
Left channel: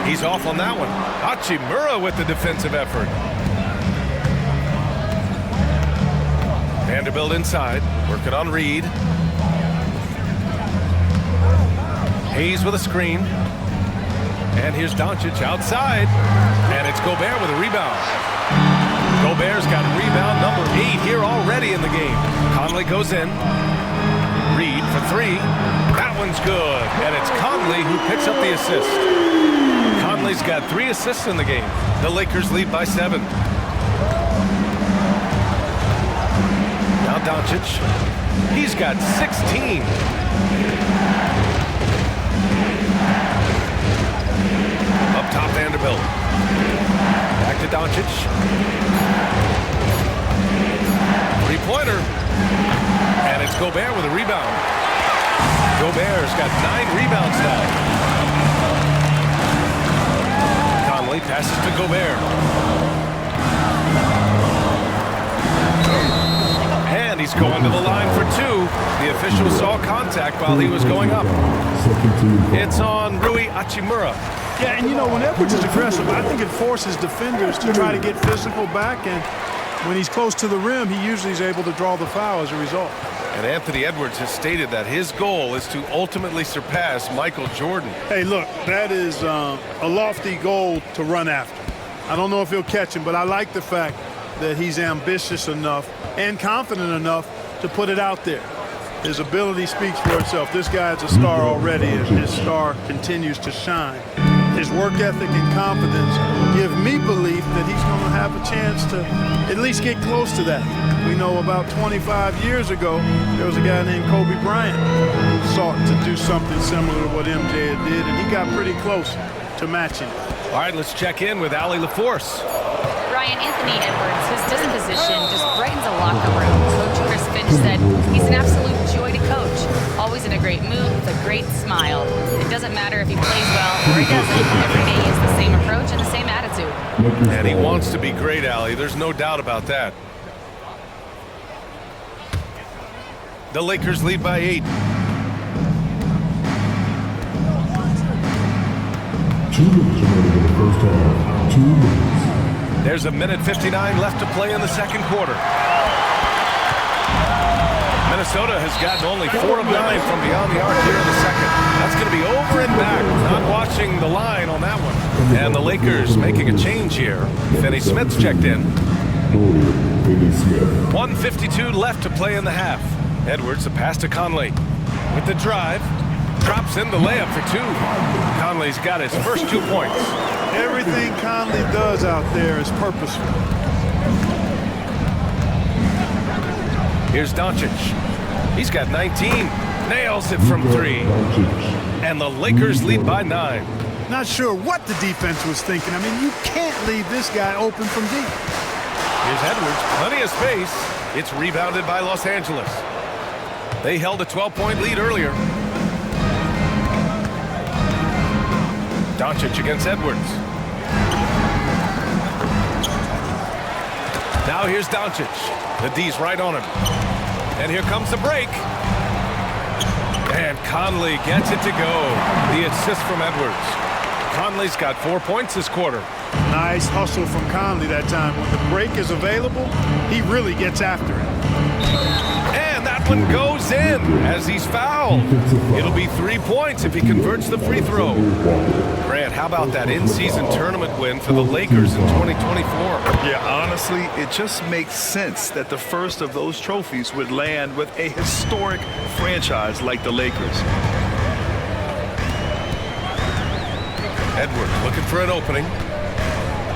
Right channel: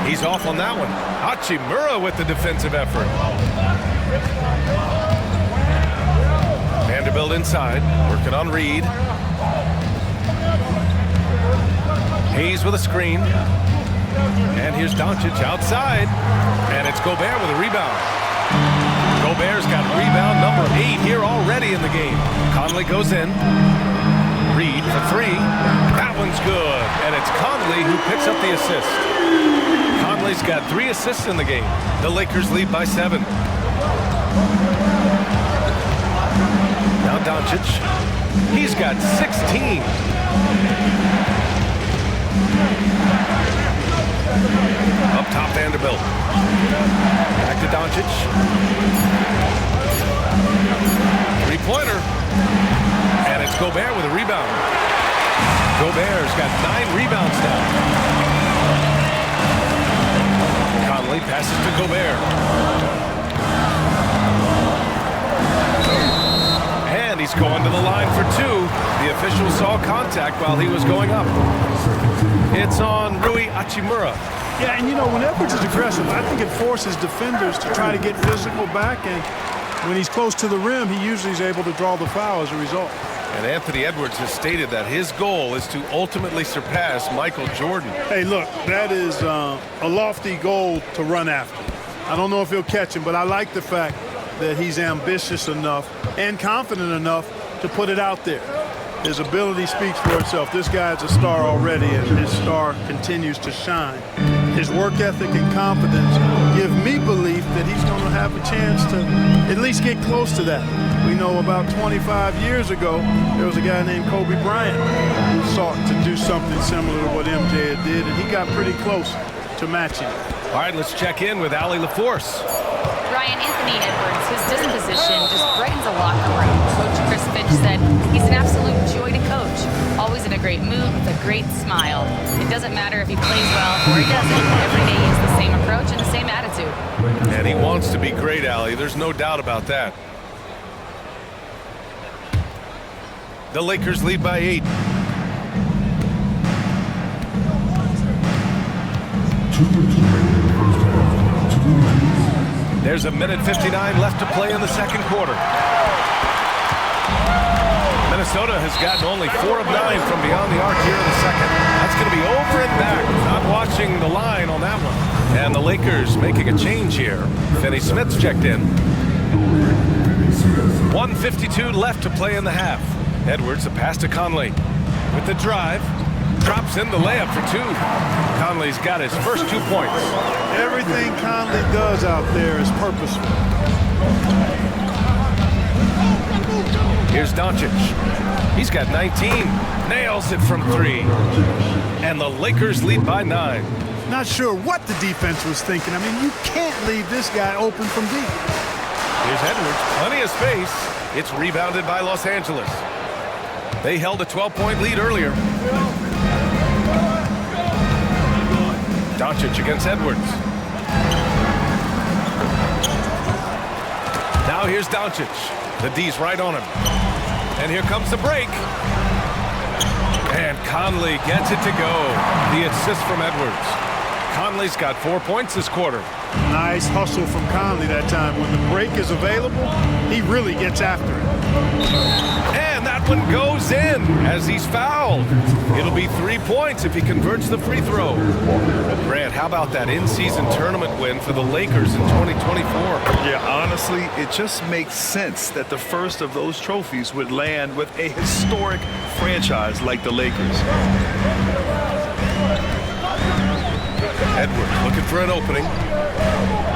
He's off on that one. Hachimura with the defensive effort. Vanderbilt inside, working on Reed. Hayes with a screen. And here's Doncic outside. And it's Gobert with a rebound. Gobert's got rebound number 8 here already in the game. Conley goes in. Reed for 3. That one's good. And it's Conley who picks up the assist. Conley's got 3 assists in the game. The Lakers lead by 7. Now Doncic. He's got 16. Up top, Vanderbilt. Back to Doncic. Three-pointer. And it's Gobert with a rebound. Gobert's got 9 rebounds now. Conley passes to Gobert. And he's going to the line for 2. The official saw contact while he was going up. It's on Rui Hachimura. Yeah, and you know, when Edwards is aggressive, I think it forces defenders to try to get physical back, and when he's close to the rim, he usually is able to draw the foul as a result. And Anthony Edwards has stated that his goal is to ultimately surpass Michael Jordan. Hey, look, that is a lofty goal to run after. I don't know if he'll catch him, but I like the fact that he's ambitious enough and confident enough to put it out there. His ability speaks for itself. This guy's a star already, and his star continues to shine. His work ethic and confidence give me belief that he's going to have a chance to at least get close to that. We know about 25 years ago, there was a guy named Kobe Bryant who sought to do something similar to what MJ did, and he got pretty close to matching it. All right, let's check in with Allie LaForce. Ryan, Anthony Edwards, his disposition just brightens a locker room. Coach Chris Finch said he's an absolute joy to coach. Always in a great mood with a great smile. It doesn't matter if he plays well or he doesn't. Every day he has the same approach and the same attitude. And he wants to be great, Allie. There's no doubt about that. The Lakers lead by 8. 2 minutes remaining in the first half. 2 minutes. There's a minute 59 left to play in the second quarter. Minnesota has gotten only 4 of 9 from beyond the arc here in the second. That's going to be over and back. Not watching the line on that one. And the Lakers making a change here. Finney Smith's checked in. 1:52 left to play in the half. Edwards, a pass to Conley. With the drive, drops in the layup for 2. Conley's got his first 2 points. Everything Conley does out there is purposeful. Here's Doncic. He's got 19. Nails it from 3. And the Lakers lead by 9. Not sure what the defense was thinking. I mean, you can't leave this guy open from deep. Here's Edwards, plenty of space. It's rebounded by Los Angeles. They held a 12-point lead earlier. Doncic against Edwards. Now here's Doncic. The D's right on him. And here comes the break. And Conley gets it to go. The assist from Edwards. Conley's got 4 points this quarter. Nice hustle from Conley that time. When the break is available, he really gets after it. And that one goes in as he's fouled. It'll be 3 points if he converts the free throw. Grant, how about that in-season tournament win for the Lakers in 2024? Yeah, honestly, it just makes sense that the first of those trophies would land with a historic franchise like the Lakers. Edwards looking for an opening.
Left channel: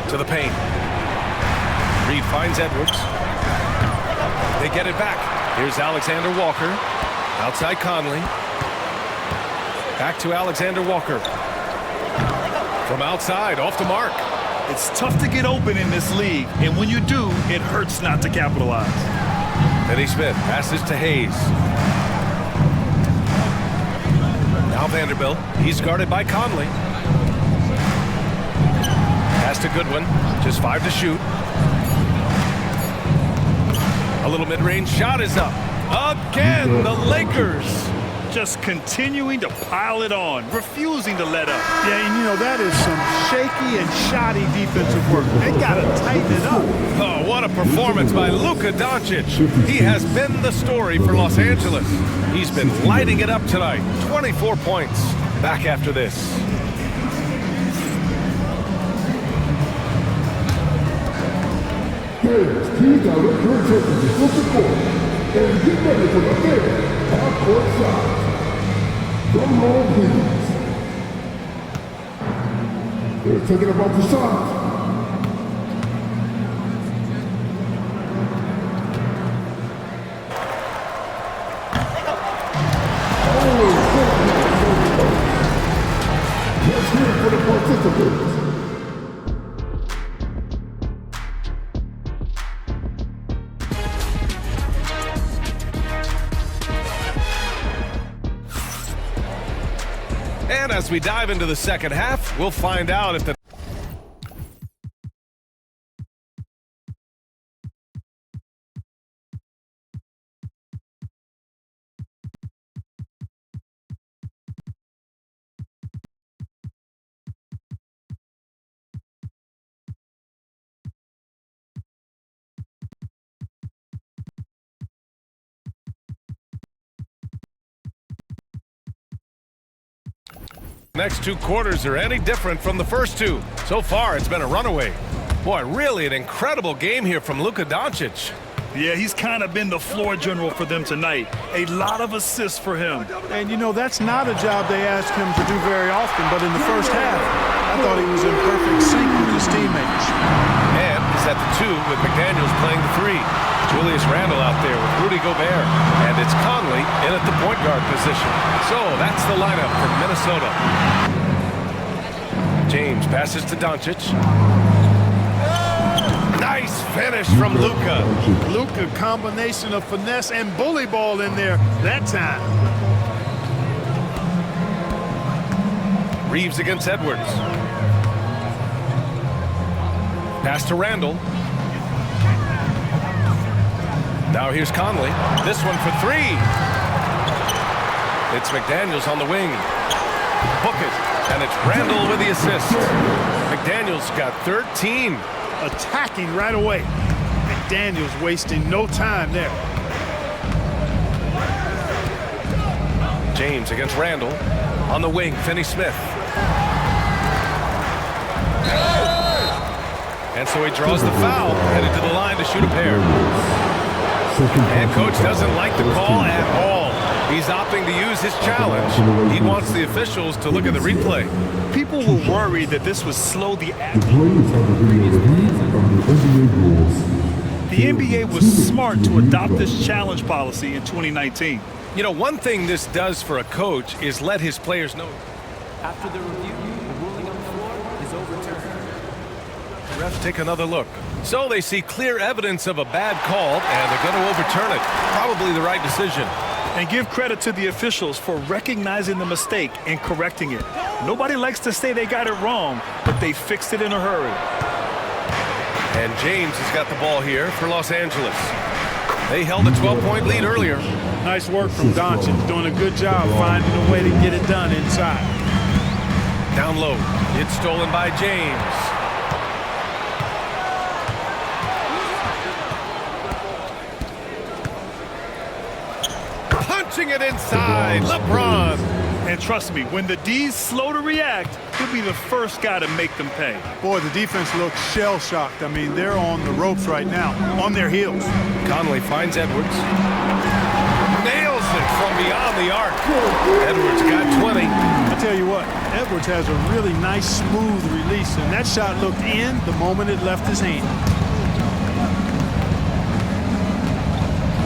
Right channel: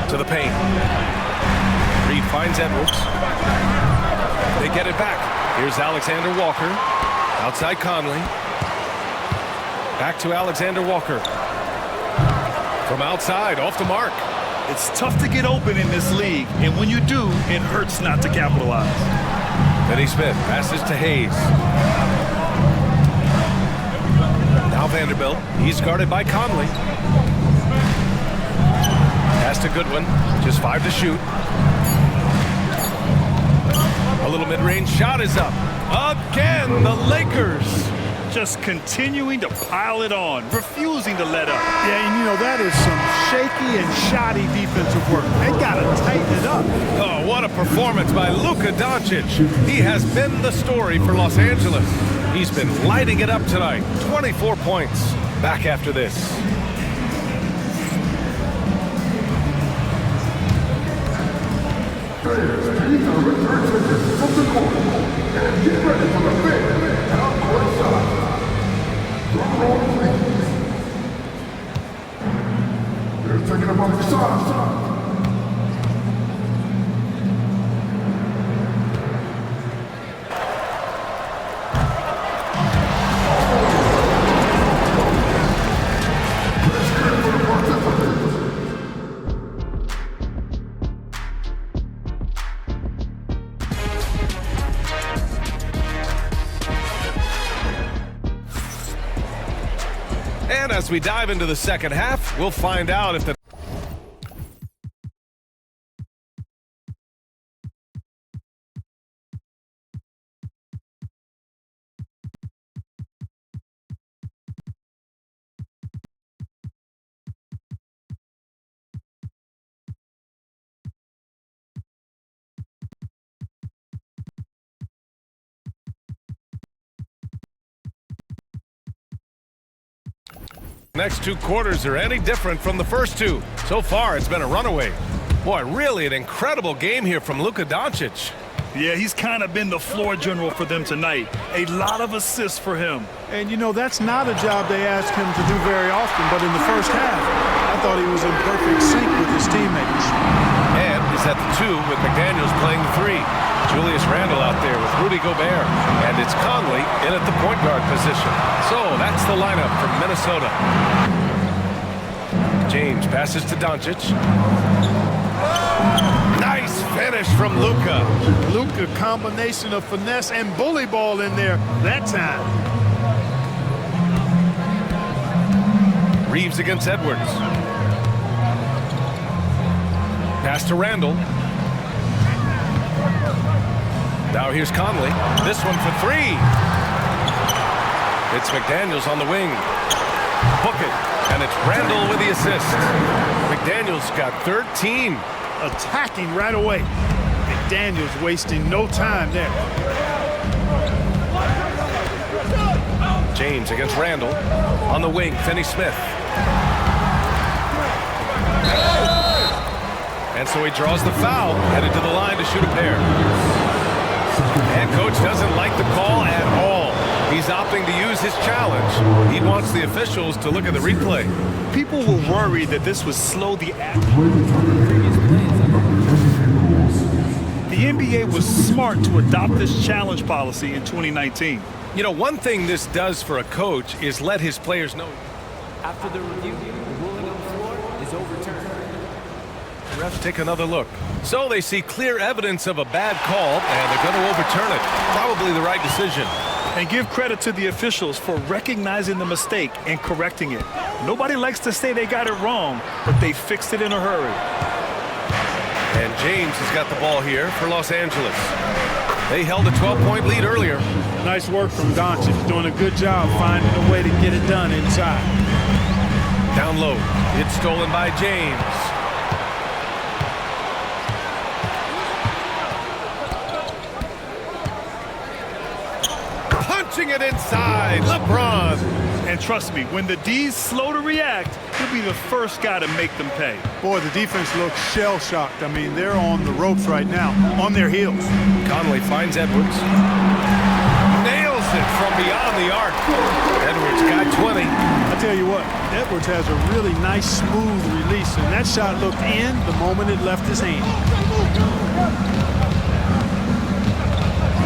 To the paint. Reed finds Edwards. They get it back. Here's Alexander Walker. Outside Conley. Back to Alexander Walker. From outside, off the mark. It's tough to get open in this league, and when you do, it hurts not to capitalize. Finney Smith passes to Hayes. Now Vanderbilt. He's guarded by Conley. Pass to Goodwin. Just 5 to shoot. A little mid-range shot is up. Again, the Lakers. Just continuing to pile it on, refusing to let up. Yeah, and you know, that is some shaky and shoddy defensive work. They got to tighten it up. Oh, what a performance by Luka Doncic. He has been the story for Los Angeles. He's been lighting it up tonight. 24 points. Back after this. Players, please direct your attention to the court and get ready for the big half-court shot. Drum roll, please. They're taking about the shots. Let's hear it for the participants. And as we dive into the second half, we'll find out if the next 2 quarters are any different from the first 2. So far, it's been a runaway. Boy, really an incredible game here from Luka Doncic. Yeah, he's kind of been the floor general for them tonight. A lot of assists for him. And you know, that's not a job they ask him to do very often, but in the first half, I thought he was in perfect sync with his teammates. And is at the 2 with McDaniels playing the 3. Julius Randle out there with Rudy Gobert. And it's Conley in at the point guard position. So that's the lineup for Minnesota. James passes to Doncic. Nice finish from Luka. Luka, combination of finesse and bully ball in there that time. Reeves against Edwards. Pass to Randle. Now here's Conley. This one for 3. It's McDaniels on the wing. Book it. And it's Randle with the assist. McDaniels got 13. Attacking right away. McDaniels wasting no time there. James against Randle. On the wing, Finney Smith. And so he draws the foul, headed to the line to shoot a pair. And coach doesn't like the call at all. He's opting to use his challenge. He wants the officials to look at the replay. People were worried that this would slow the The play is under review under NBA rules. The NBA was smart to adopt this challenge policy in 2019. You know, one thing this does for a coach is let his players know. After the review, the ruling on the floor is overturned. Refs take another look. So they see clear evidence of a bad call, and they're going to overturn it. Probably the right decision. And give credit to the officials for recognizing the mistake and correcting it. Nobody likes to say they got it wrong, but they fixed it in a hurry. And James has got the ball here for Los Angeles. They held a 12-point lead earlier. Nice work from Doncic, doing a good job finding a way to get it done inside. Down low, it's stolen by James. Punching it inside, LeBron. And trust me, when the D's slow to react, he'll be the first guy to make them pay. Boy, the defense looks shell-shocked. I mean, they're on the ropes right now, on their heels. Conley finds Edwards. Nails it from beyond the arc. Edwards got 20. I tell you what, Edwards has a really nice, smooth release, and that shot looked in the moment it left his hand.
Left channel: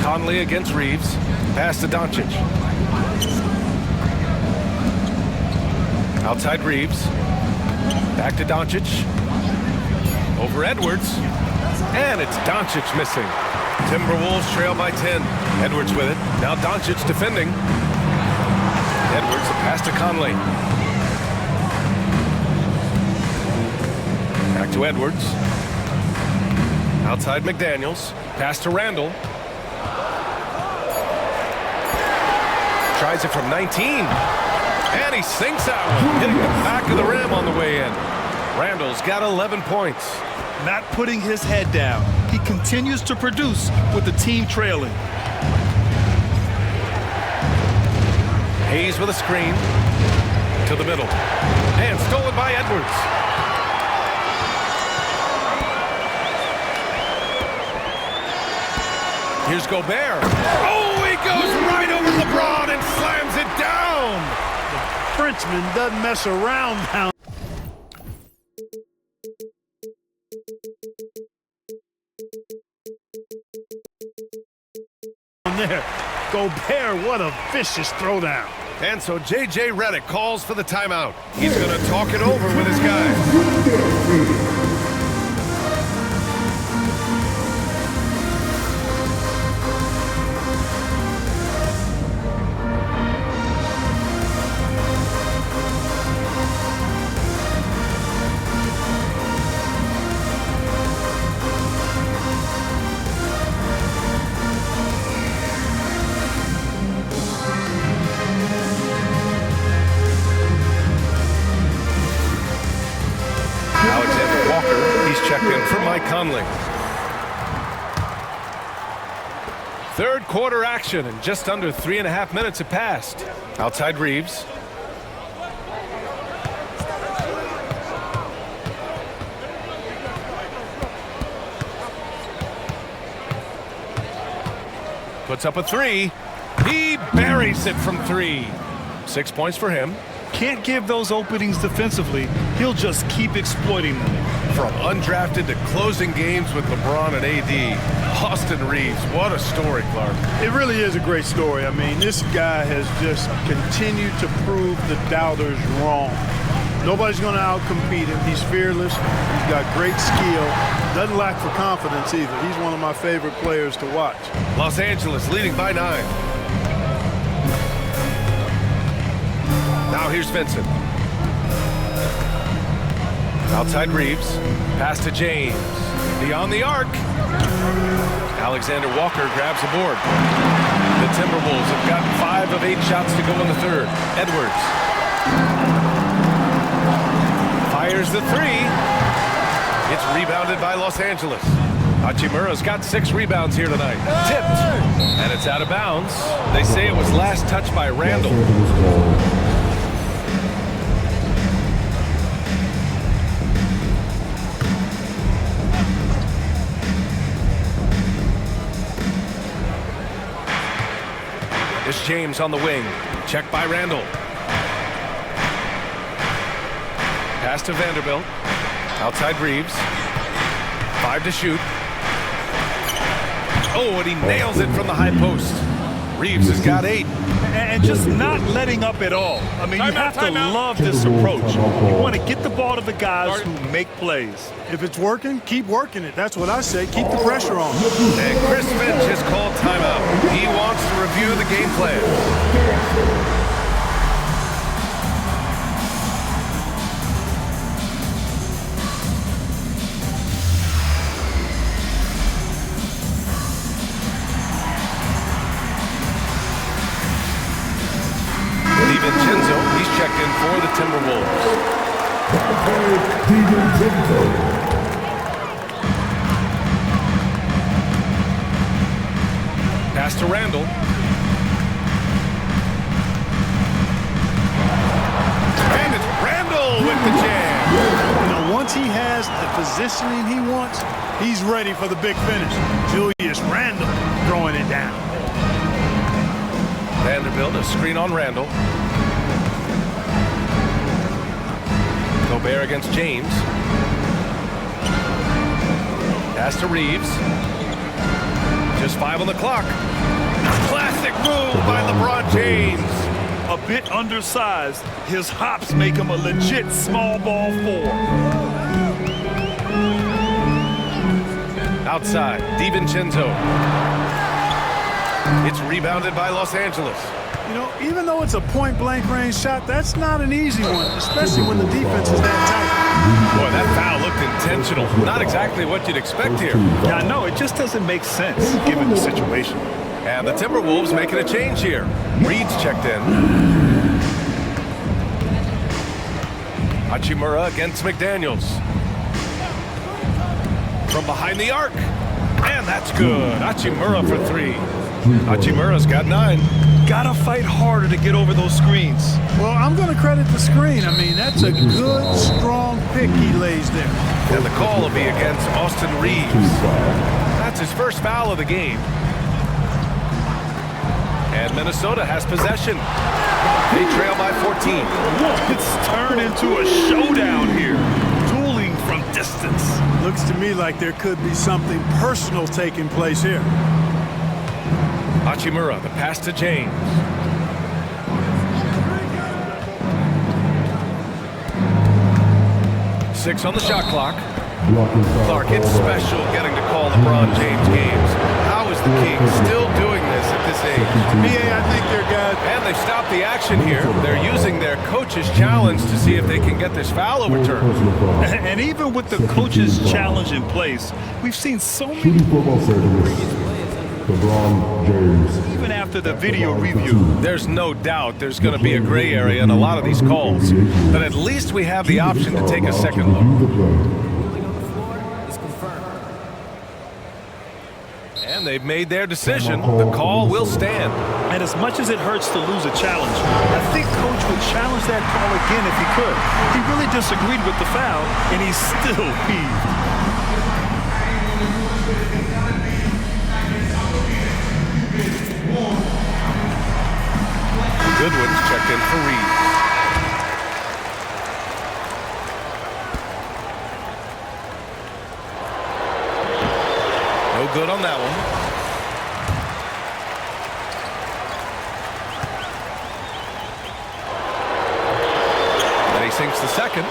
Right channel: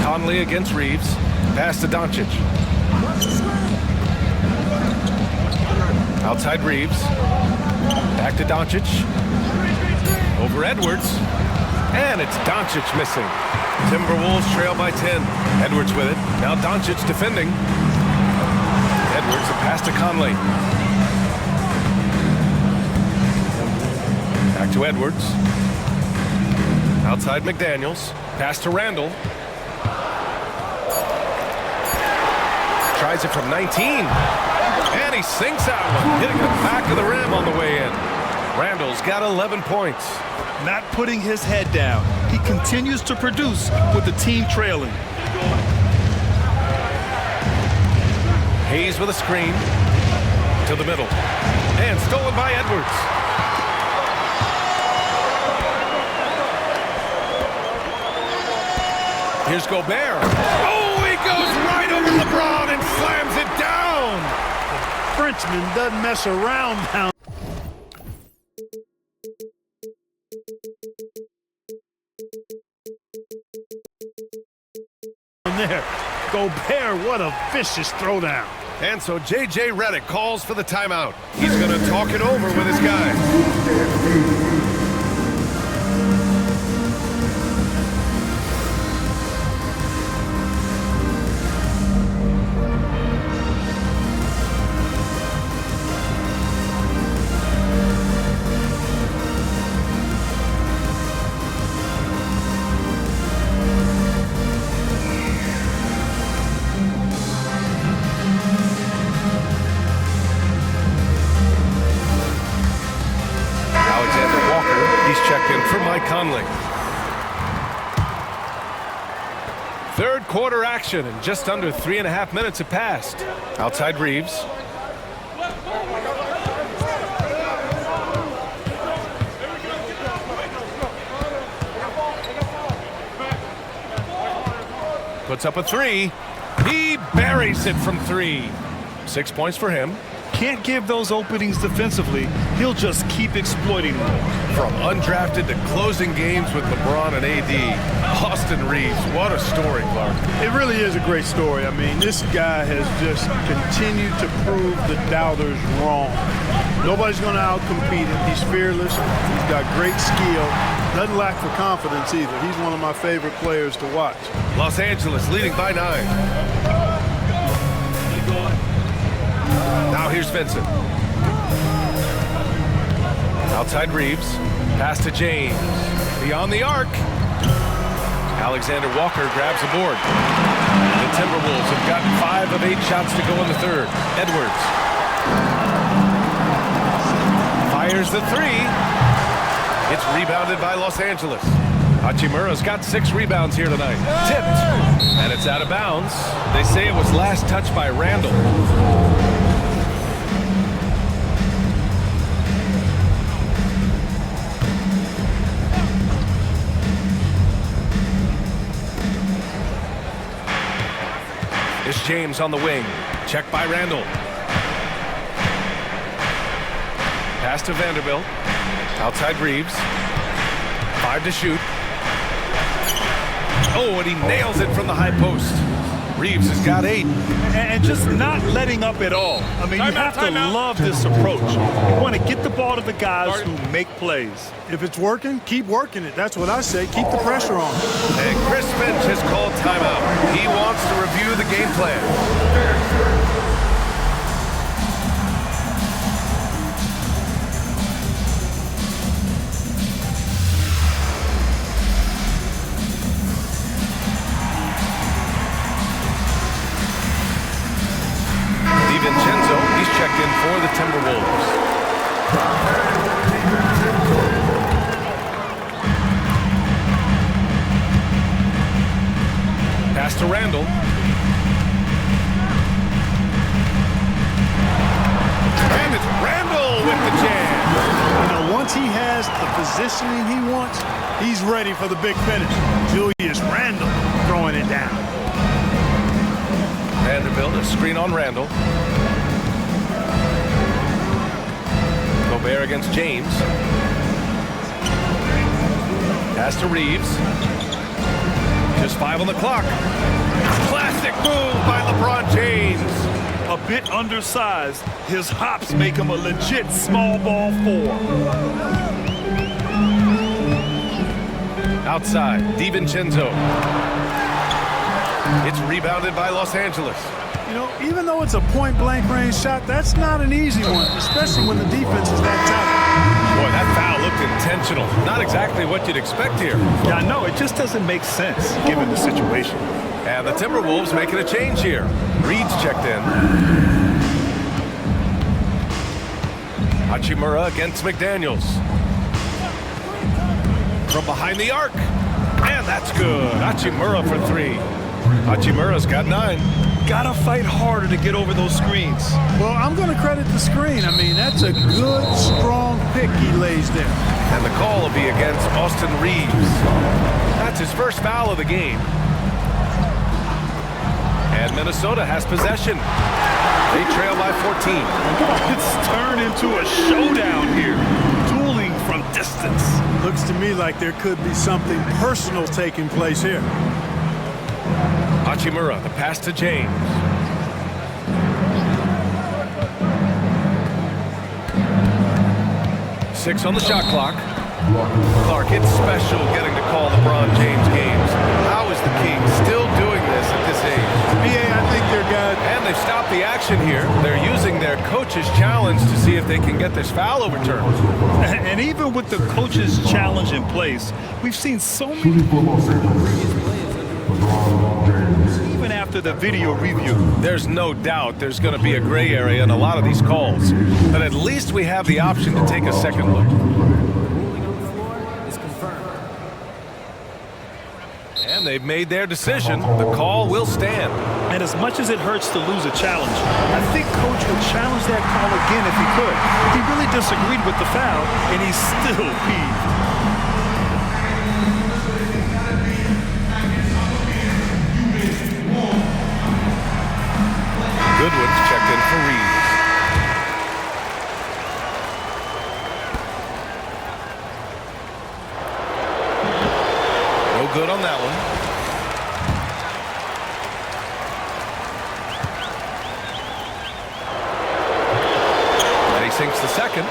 Conley against Reeves. Pass to Doncic. Outside Reeves. Back to Doncic. Over Edwards. And it's Doncic missing. Timberwolves trail by 10. Edwards with it. Now Doncic defending. Edwards, the pass to Conley. Back to Edwards. Outside McDaniels. Pass to Randall. Tries it from 19. And he sinks that one, hitting the back of the rim on the way in. Randall's got 11 points. Not putting his head down. He continues to produce with the team trailing. Hayes with a screen to the middle. And stolen by Edwards. Here's Gobert. Oh, he goes right over LeBron and slams it down. The Frenchman doesn't mess around down there. Gobert, what a vicious throwdown. And so J.J. Redick calls for the timeout. He's going to talk it over with his guys. He's checked in for Mike Conley. Third quarter action, and just under 3.5 minutes have passed. Outside Reeves. Puts up a three. He buries it from 3. 6 points for him. Can't give those openings defensively. He'll just keep exploiting them. From undrafted to closing games with LeBron and AD, Austin Reeves, what a story, Clark. It really is a great story. I mean, this guy has just continued to prove the doubters wrong. Nobody's going to outcompete him. He's fearless. He's got great skill. Doesn't lack for confidence either. He's one of my favorite players to watch. Los Angeles leading by 9. Now here's Vincent. Outside Reeves. Pass to James. Beyond the arc. Alexander Walker grabs the board. The Timberwolves have got 5 of 8 shots to go in the third. Edwards. Fires the 3. It's rebounded by Los Angeles. Hachimura's got 6 rebounds here tonight. Tipped. And it's out of bounds. They say it was last touched by Randall. It's James on the wing. Checked by Randall. Pass to Vanderbilt. Outside Reeves. 5 to shoot. Oh, and he nails it from the high post. Reeves has got 8. And just not letting up at all. I mean, you have to love this approach. You want to get the ball to the guys who make plays. If it's working, keep working it. That's what I say. Keep the pressure on. And Chris Finch has called timeout. He wants to review the game plan. DiVincenzo, he's checked in for the Timberwolves. Pass to Randall. And it's Randall with the jam. You know, once he has the positioning he wants, he's ready for the big finish. Julius Randall throwing it down. Vanderbilt, a screen on Randall. Gobert against James. Pass to Reeves. Just 5 on the clock. Classic move by LeBron James. A bit undersized, his hops make him a legit small ball 4. Outside, DiVincenzo. It's rebounded by Los Angeles. You know, even though it's a point-blank range shot, that's not an easy one, especially when the defense is that tight. Boy, that foul looked intentional. Not exactly what you'd expect here. Yeah, I know. It just doesn't make sense given the situation. And the Timberwolves making a change here. Reed's checked in. Hachimura against McDaniels. From behind the arc. And that's good. Hachimura for 3. Hachimura's got 9. Gotta fight harder to get over those screens. Well, I'm going to credit the screen. I mean, that's a good, strong pick he lays there. And the call will be against Austin Reeves. That's his first foul of the game. And Minnesota has possession. They trail by 14. It's turned into a showdown here. Dueling from distance. Looks to me like there could be something personal taking place here. Hachimura, the pass to James. Six on the shot clock. Clark, it's special getting to call LeBron James games. How is the King still doing this at this age? BA, I think they're good. And they've stopped the action here. They're using their coach's challenge to see if they can get this foul overturned. And even with the coach's challenge in place, we've seen so many LeBron James. even after the video review. There's no doubt there's going to be a gray area in a lot of these calls. But at least we have the option to take a second look. Ruling on the floor is confirmed. And they've made their decision. The call will stand. And as much as it hurts to lose a challenge, I think Coach would challenge that call again if he could. He really disagreed with the foul, and he's still peeved. Goodwin's checked in for Reeves. No good on that one. And he sinks the second.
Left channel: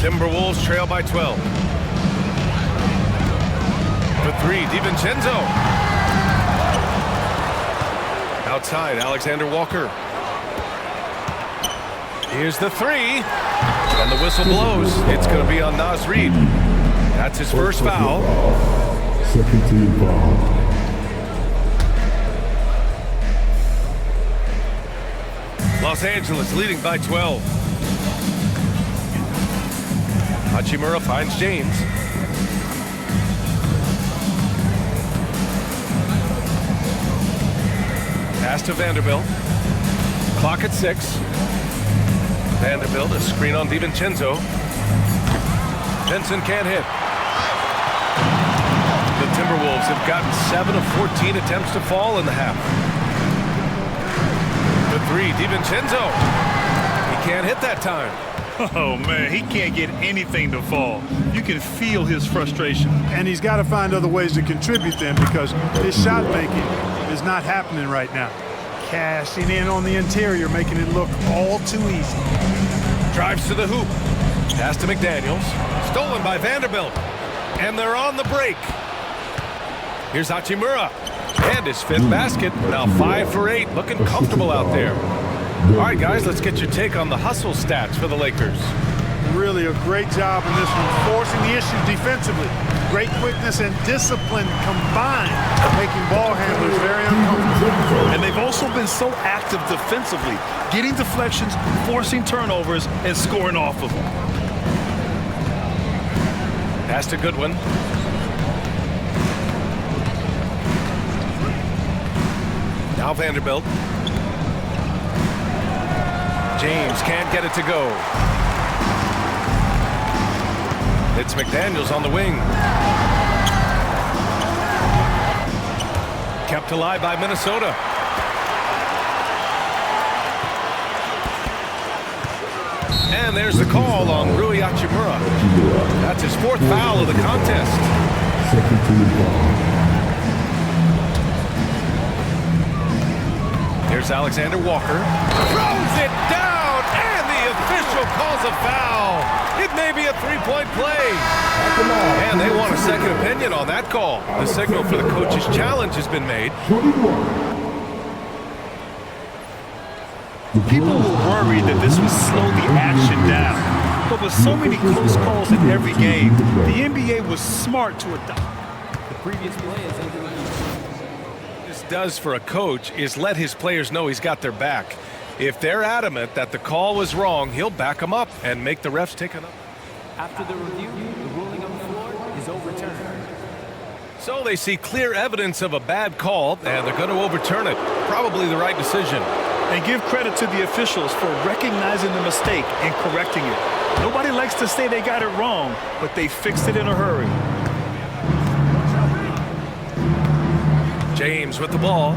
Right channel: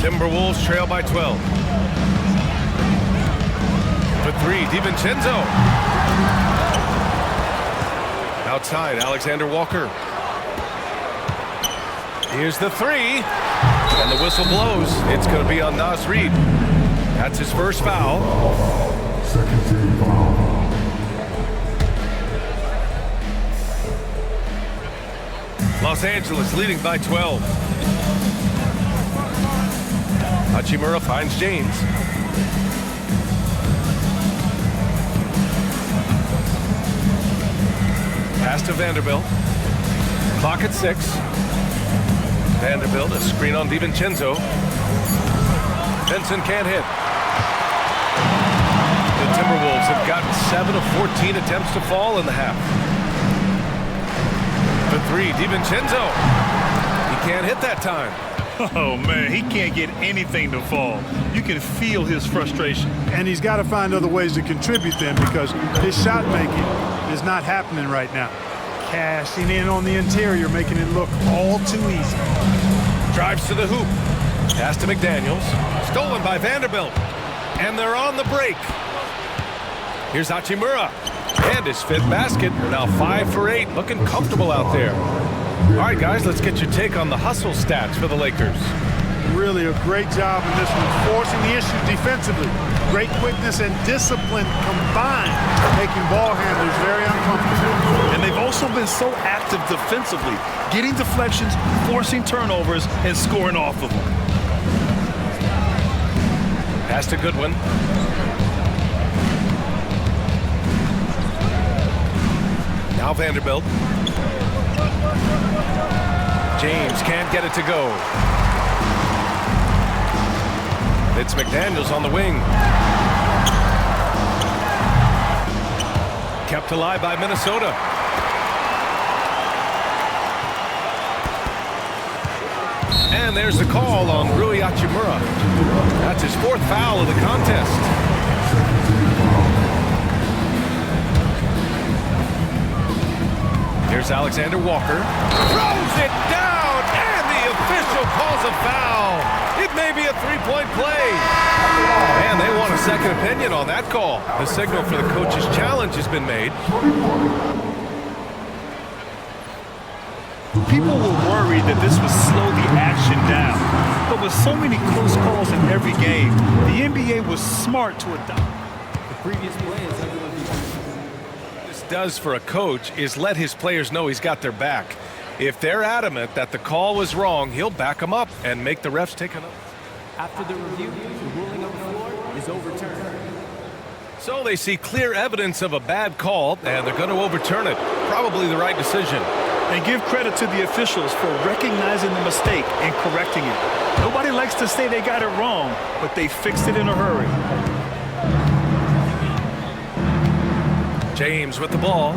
Timberwolves trail by 12. For 3, DiVincenzo. Outside, Alexander Walker. Here's the 3. And the whistle blows. It's going to be on Naz Reid. That's his first foul. Second team foul. Los Angeles leading by 12. Hachimura finds James. Pass to Vanderbilt. Clock at 6. Vanderbilt, a screen on DiVincenzo. Benson can't hit. The Timberwolves have gotten 7 of 14 attempts to fall in the half. The 3, DiVincenzo. He can't hit that time. Oh, man, he can't get anything to fall. You can feel his frustration. And he's got to find other ways to contribute then because his shot making is not happening right now. Cashing in on the interior, making it look all too easy. Drives to the hoop. Pass to McDaniels. Stolen by Vanderbilt. And they're on the break. Here's Hachimura. And his 5th basket. Now 5 for 8. Looking comfortable out there. All right, guys, let's get your take on the hustle stats for the Lakers. Really a great job in this one, forcing the issues defensively. Great quickness and discipline combined, making ball handlers very uncomfortable. And they've also been so active defensively, getting deflections, forcing turnovers, and scoring off of them. Pass to Goodwin. Now Vanderbilt. James can't get it to go. It's McDaniels on the wing. Kept alive by Minnesota. And there's the call on Rui Hachimura. That's his 4th foul of the contest. Second team foul. Here's Alexander Walker. Throws it down, and the official calls a foul. It may be a 3-point play. And they want a second opinion on that call. The signal for the coach's challenge has been made. People were worried that this would slow the action down. But with so many close calls in every game, the NBA was smart to adopt. The previous play is under review. This does for a coach is let his players know he's got their back. If they're adamant that the call was wrong, he'll back them up and make the refs take it up. After the review, the ruling on the floor is overturned. So they see clear evidence of a bad call, and they're going to overturn it. Probably the right decision. And give credit to the officials for recognizing the mistake and correcting it. Nobody likes to say they got it wrong, but they fixed it in a hurry. James with the ball.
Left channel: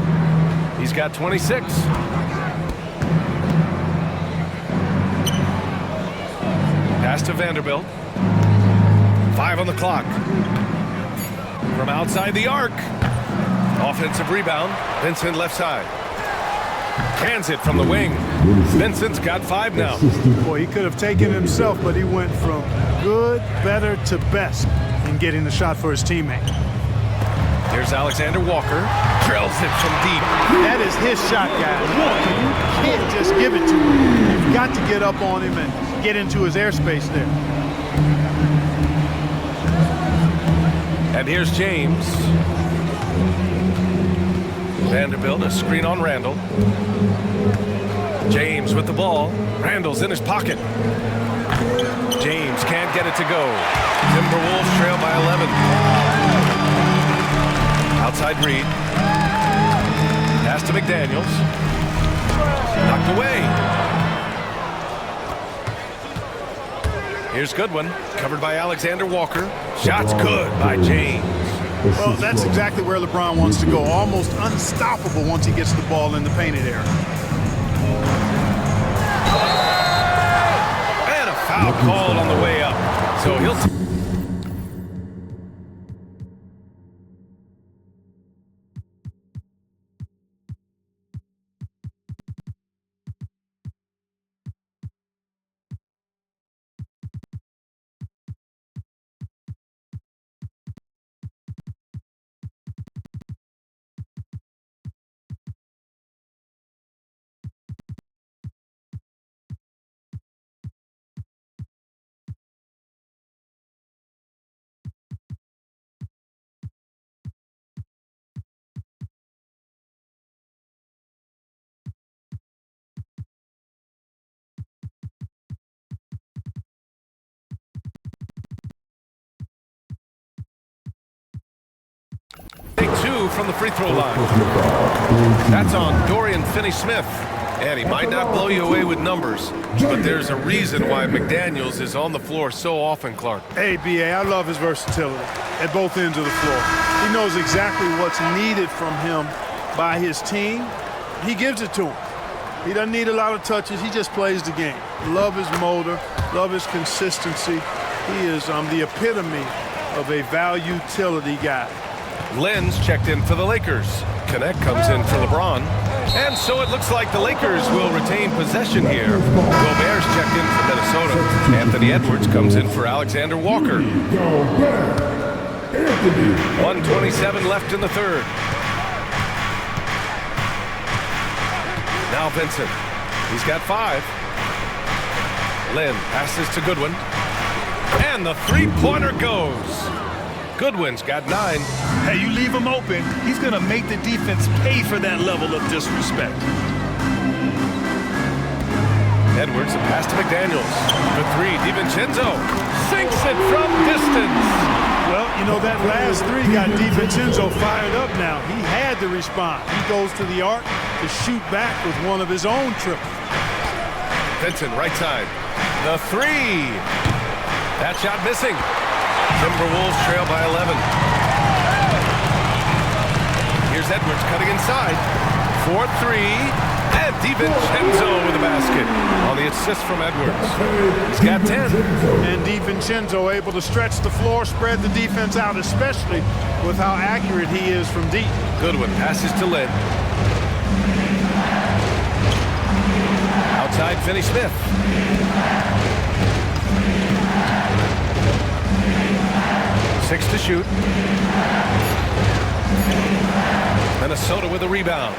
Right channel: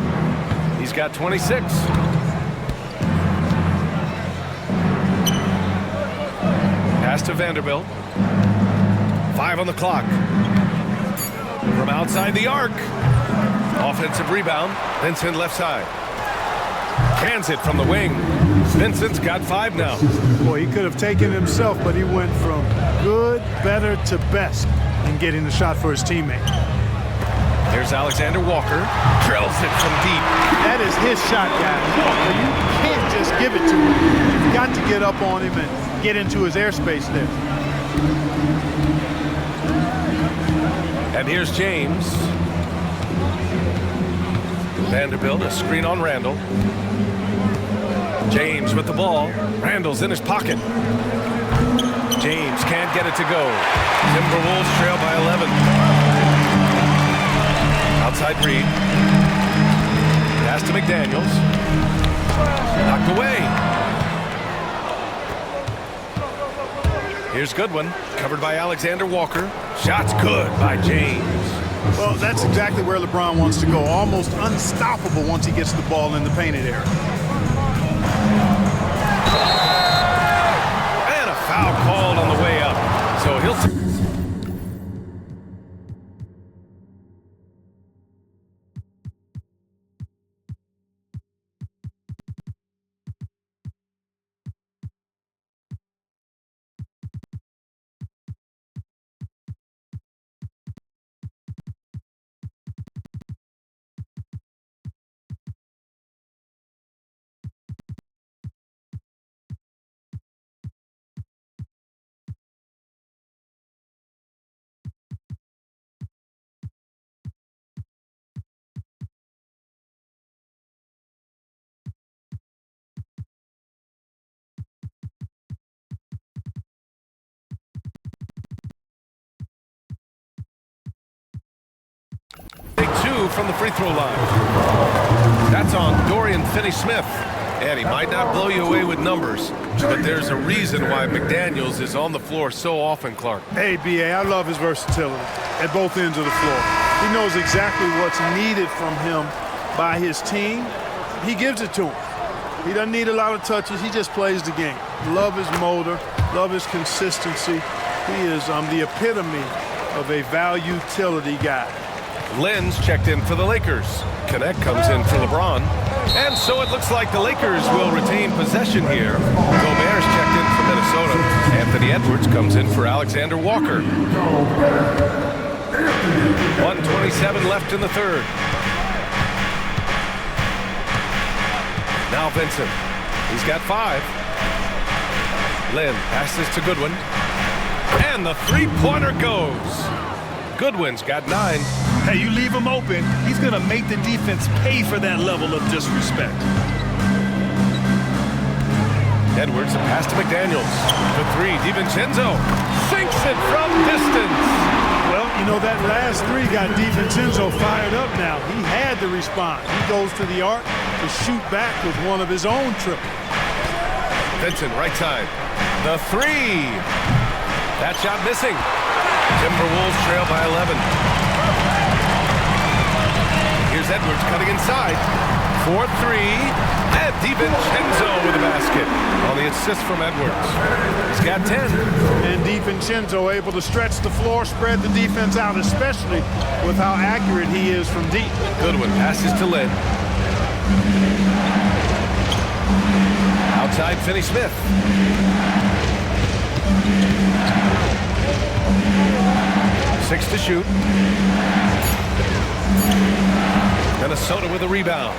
He's got 26. Pass to Vanderbilt. 5 on the clock. From outside the arc. Offensive rebound. Vincent left side. Cans it from the wing. Vincent's got 5 now. Boy, he could have taken it himself, but he went from good, better to best in getting the shot for his teammate. Here's Alexander Walker. Drills it from deep. That is his shot, guys. So you can't just give it to him. You've got to get up on him and get into his airspace there. And here's James. Vanderbilt, a screen on Randall. James with the ball. Randall's in his pocket. James can't get it to go. Timberwolves trail by 11. Outside Reed. Pass to McDaniels. Knocked away. Here's Goodwin. Covered by Alexander Walker. Shot's good by James. Well, that's exactly where LeBron wants to go. Almost unstoppable once he gets the ball in the painted area. And a foul called on the way up. So he'll... Take 2 from the free throw line. That's on Dorian Finney-Smith. And he might not blow you away with numbers, but there's a reason why McDaniels is on the floor so often, Clark. Hey, B.A., I love his versatility at both ends of the floor. He knows exactly what's needed from him by his team. He gives it to him. He doesn't need a lot of touches. He just plays the game. Love his motor. Love his consistency. He is the epitome of a value-utility guy. Lynn's checked in for the Lakers. Connect comes in for LeBron. And so it looks like the Lakers will retain possession here. Gobert's checked in for Minnesota. Anthony Edwards comes in for Alexander Walker. 1:27 left in the third. Now Vincent. He's got 5. Lynn passes to Goodwin. And the three-pointer goes. Goodwin's got 9. Hey, you leave him open, he's going to make the defense pay for that level of disrespect. Edwards, a pass to McDaniels. For 3, DiVincenzo sinks it from distance. Well, you know, that last 3 got DiVincenzo fired up now. He had to respond. He goes to the arc to shoot back with one of his own triples. Vincent, right side. The 3. That shot missing. Timberwolves trail by 11. Here's Edwards cutting inside. 4-3. And DiVincenzo with a basket on the assist from Edwards. He's got 10. And DiVincenzo able to stretch the floor, spread the defense out, especially with how accurate he is from deep. Goodwin passes to Lynn. Outside, Finney-Smith. Six to shoot. Minnesota with a rebound.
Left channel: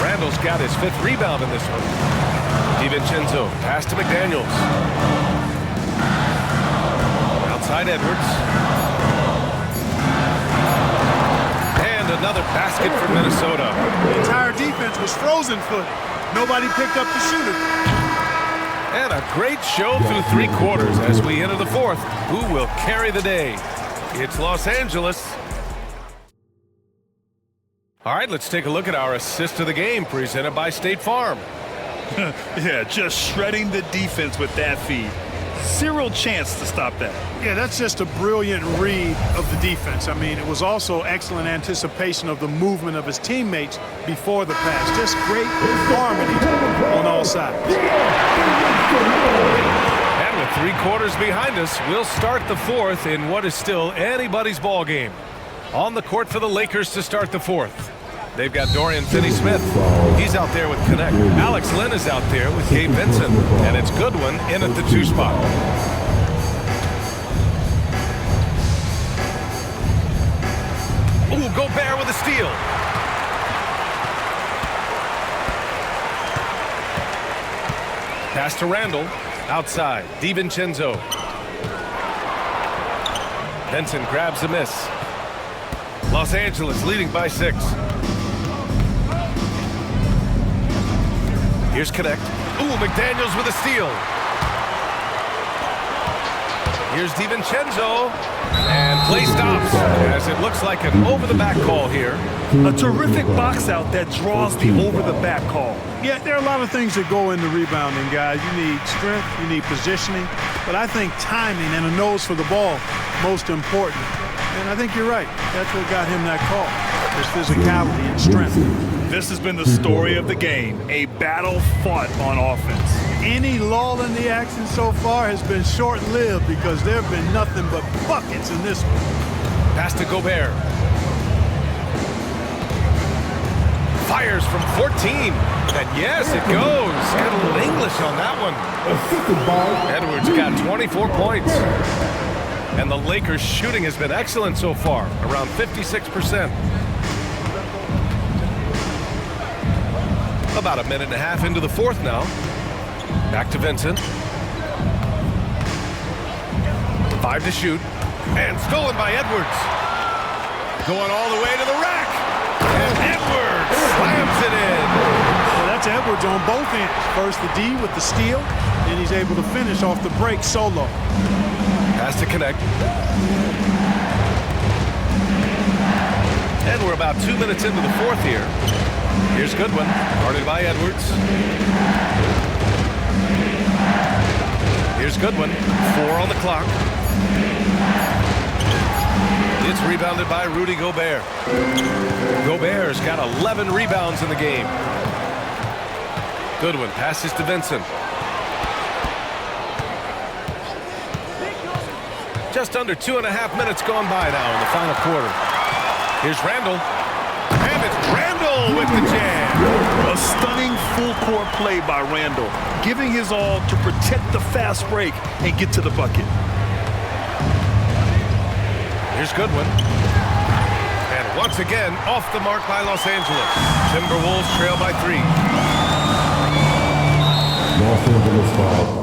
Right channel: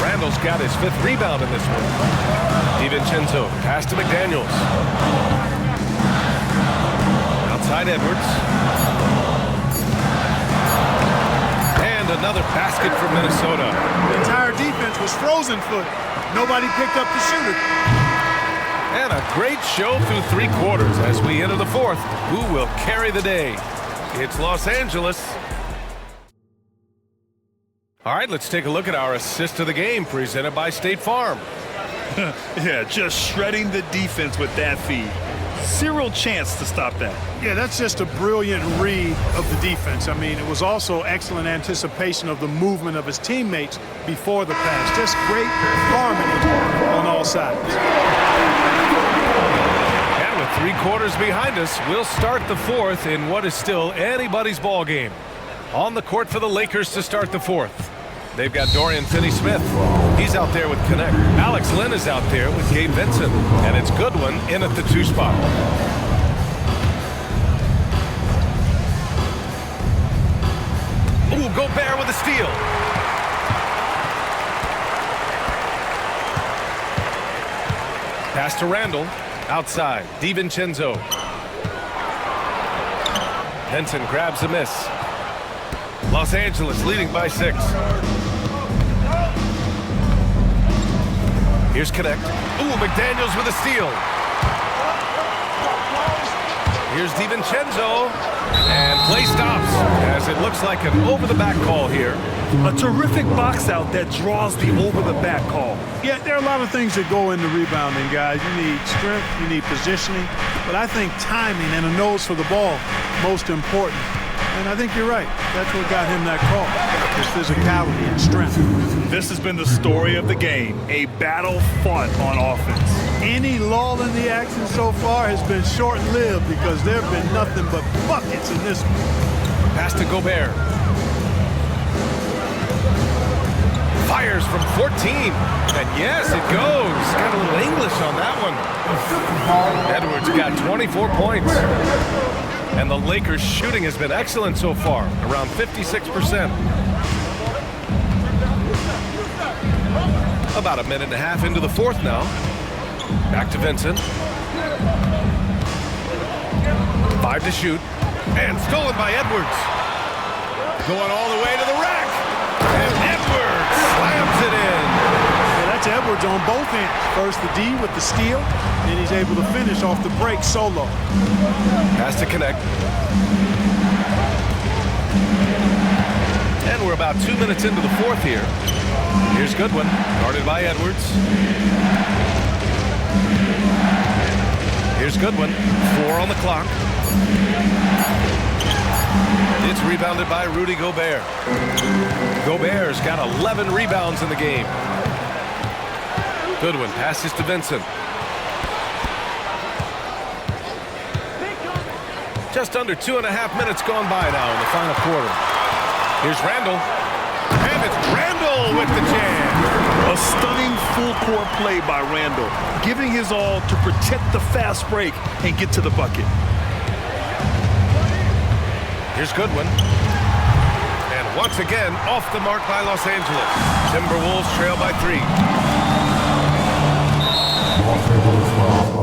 Randall's got his 5th rebound in this one. DiVincenzo, pass to McDaniels. Outside Edwards. And another basket for Minnesota. The entire defense was frozen footed. Nobody picked up the shooter. And a great show through 3 quarters as we enter the 4th. Who will carry the day? It's Los Angeles. All right, let's take a look at our assist of the game presented by State Farm. Yeah, just shredding the defense with that feed. Zero chance to stop that. Yeah, that's just a brilliant read of the defense. I mean, it was also excellent anticipation of the movement of his teammates before the pass. Just great harmony on all sides. And with 3 quarters behind us, we'll start the 4th in what is still anybody's ball game. On the court for the Lakers to start the 4th. They've got Dorian Finney-Smith. He's out there with Connect. Alex Lynn is out there with Gabe Vincent. And it's Goodwin in at the 2 spot. Ooh, Gobert with a steal. Pass to Randall. Outside. DiVincenzo. Vincent grabs the miss. Los Angeles leading by 6. Here's Connect. Ooh, McDaniels with a steal. Here's DiVincenzo. And play stops as it looks like an over-the-back call here. A terrific box out that draws the over-the-back call. Yeah, there are a lot of things that go into rebounding, guys. You need strength, you need positioning, but I think timing and a nose for the ball, most important. And I think you're right. That's what got him that call, his physicality and strength. This has been the story of the game, a battle fought on offense. Any lull in the action so far has been short-lived because there have been nothing but buckets in this one. Pass to Gobert. Fires from 14. And yes, it goes. Got a little English on that one. Edwards got 24 points. And the Lakers' shooting has been excellent so far, around 56%. About a minute and a half into the 4th now. Back to Vincent. 5 to shoot. And stolen by Edwards. Going all the way to the rack. And Edwards slams it in. Well, that's Edwards on both ends. First the D with the steal, then he's able to finish off the break solo. Pass to Connect. And we're about 2 minutes into the 4th here. Here's Goodwin, guarded by Edwards. Here's Goodwin, 4 on the clock. It's rebounded by Rudy Gobert. Gobert's got 11 rebounds in the game. Goodwin passes to Vincent. Just under 2.5 minutes gone by now in the final quarter. Here's Randall. And it's Randall with the jam. A stunning full-court play by Randall, giving his all to protect the fast break and get to the bucket. Here's Goodwin. And once again, off the mark by Los Angeles. Timberwolves trail by 3. Los Angeles foul.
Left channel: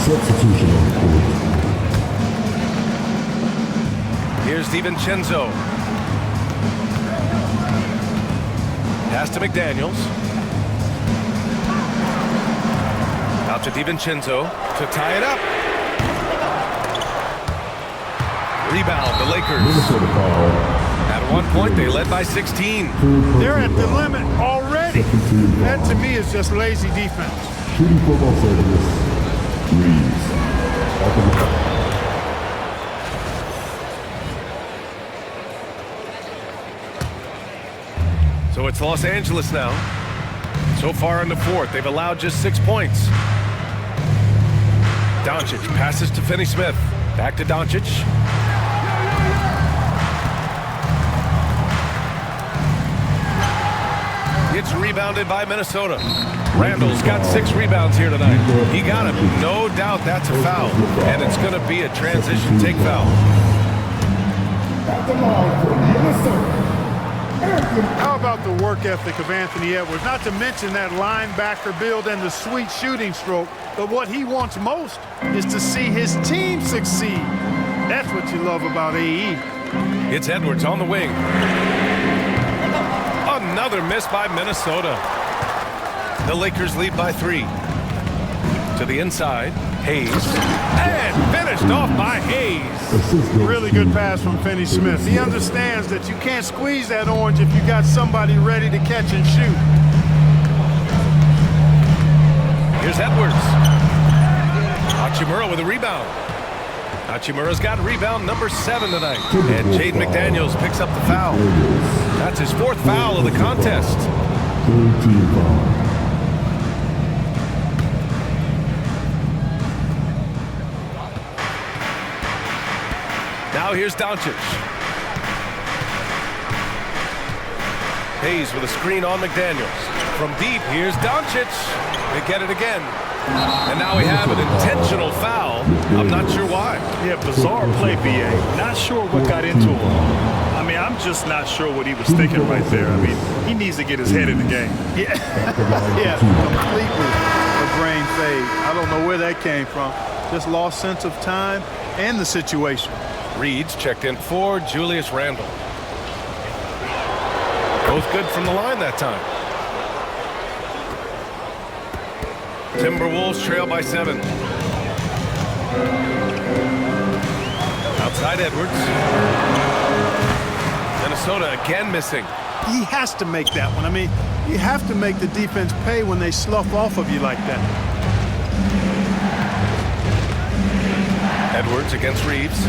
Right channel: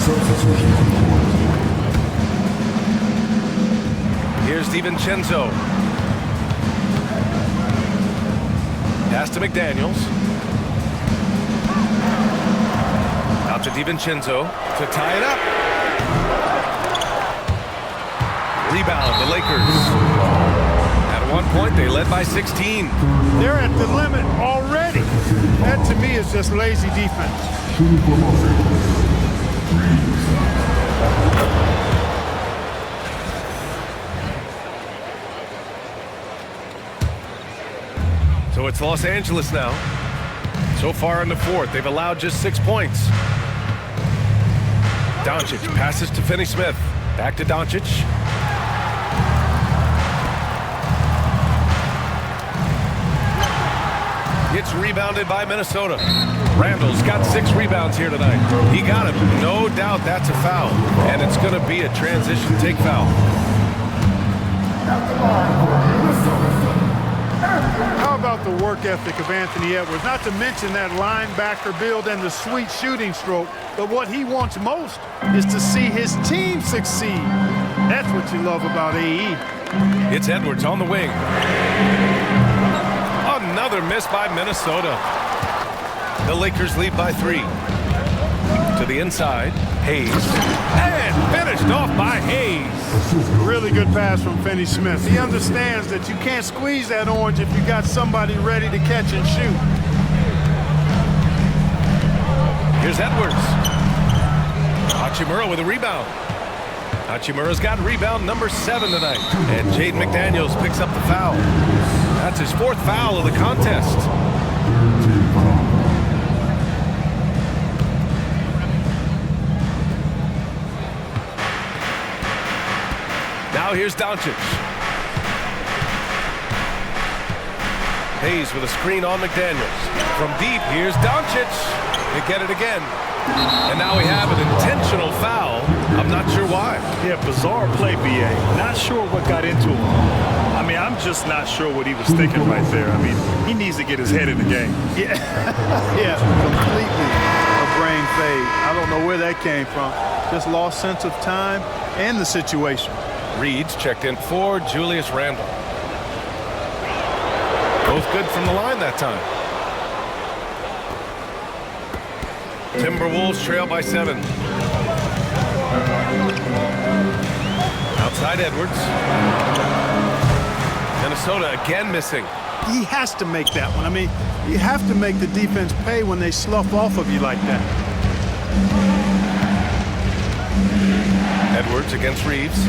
Substitution on court. Here's DiVincenzo. Pass to McDaniels. Out to DiVincenzo to tie it up. Rebound, the Lakers. At one point, they led by 16. They're at the limit already. That, to me, is just lazy defense. Shooting for Los Angeles. Reeves. So it's Los Angeles now. So far in the fourth, they've allowed just 6 points. Doncic passes to Finney-Smith. Back to Doncic. It's rebounded by Minnesota. Randall's got 6 rebounds here tonight. He got him. No doubt that's a foul. And it's going to be a transition take foul. How about the work ethic of Anthony Edwards? Not to mention that linebacker build and the sweet shooting stroke. But what he wants most is to see his team succeed. That's what you love about AE. It's Edwards on the wing. Another miss by Minnesota. The Lakers lead by 3. To the inside, Hayes. And finished off by Hayes. Really good pass from Finney-Smith. He understands that you can't squeeze that orange if you got somebody ready to catch and shoot. Here's Edwards. Hachimura with a rebound. Hachimura's got rebound number 7 tonight. And Jaden McDaniels picks up the foul. That's his 4th foul of the contest. 3rd team foul. Now here's Doncic. Hayes with a screen on McDaniels. From deep, here's Doncic. They get it again. And now we have an intentional foul. I'm not sure why. Yeah, bizarre play, BA. Not sure what got into him. I mean, I'm just not sure what he was thinking right there. I mean, he needs to get his head in the game. Yeah, yeah, completely a brain fade. I don't know where that came from. Just lost sense of time and the situation. Reed's checked in for Julius Randle. Both good from the line that time. Timberwolves trail by 7. Outside Edwards. Minnesota again missing. He has to make that one. I mean, you have to make the defense pay when they slough off of you like that. Edwards against Reeves.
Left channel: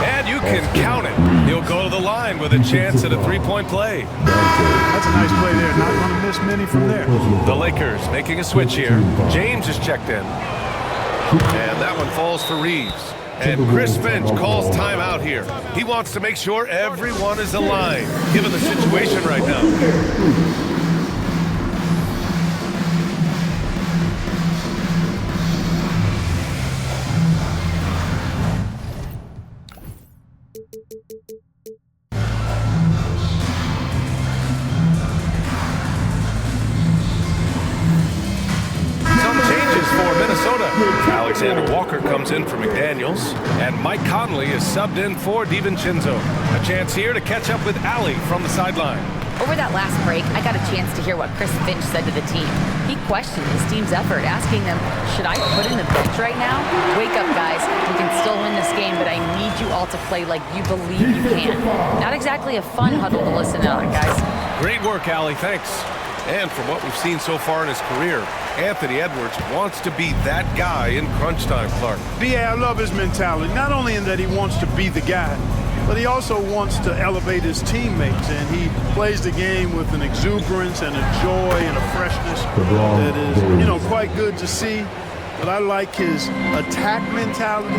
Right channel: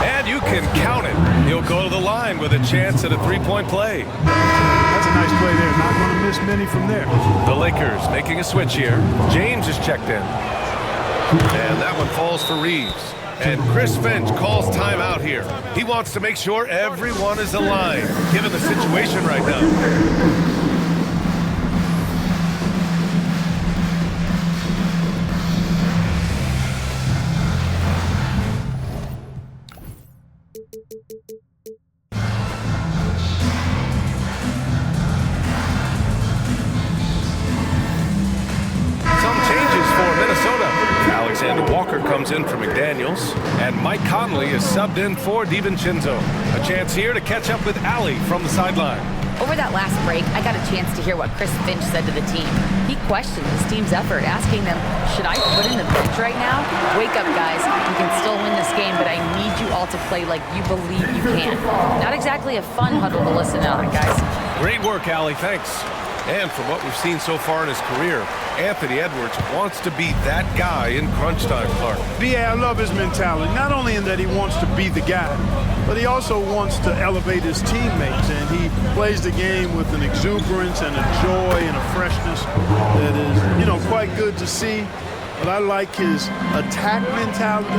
And you can count it. He'll go to the line with a chance at a 3-point play. That's a nice play there. Not going to miss many from there. The Lakers making a switch here. James is checked in. And that one falls for Reeves. And Chris Finch calls timeout here. He wants to make sure everyone is aligned, given the situation right now. some changes for Minnesota. Alexander Walker comes in for McDaniels, and Mike Conley is subbed in for DiVincenzo. A chance here to catch up with Allie from the sideline. Over that last break, I got a chance to hear what Chris Finch said to the team. He questioned his team's effort, asking them, should I put in the bench right now? Wake up, guys. We can still win this game, but I need you all to play like you believe you can. Not exactly a fun huddle to listen on, guys. Great work, Allie. Thanks. And from what we've seen so far in his career, Anthony Edwards wants to be that guy in crunch time, Clark. B.A., I love his mentality, not only in that he wants to be the guy, but he also wants to elevate his teammates, and he plays the game with an exuberance and a joy and a freshness that is, quite good to see. But I like his attack mentality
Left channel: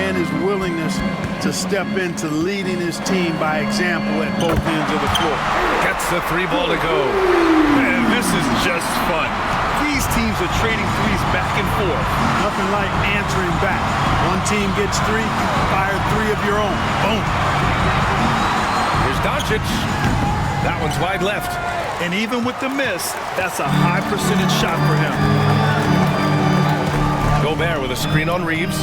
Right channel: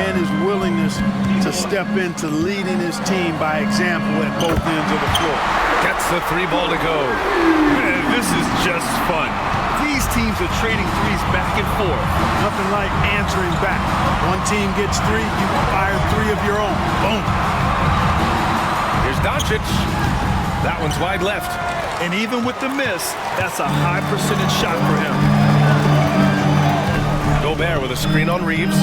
and his willingness to step into leading his team by example at both ends of the floor. Gets the 3 ball to go. Man, this is just fun. These teams are trading threes back and forth. Nothing like answering back. One team gets 3, you fire 3 of your own. Boom. Here's Doncic. That one's wide left. And even with the miss, that's a high percentage shot for him. Gobert with a screen on Reeves.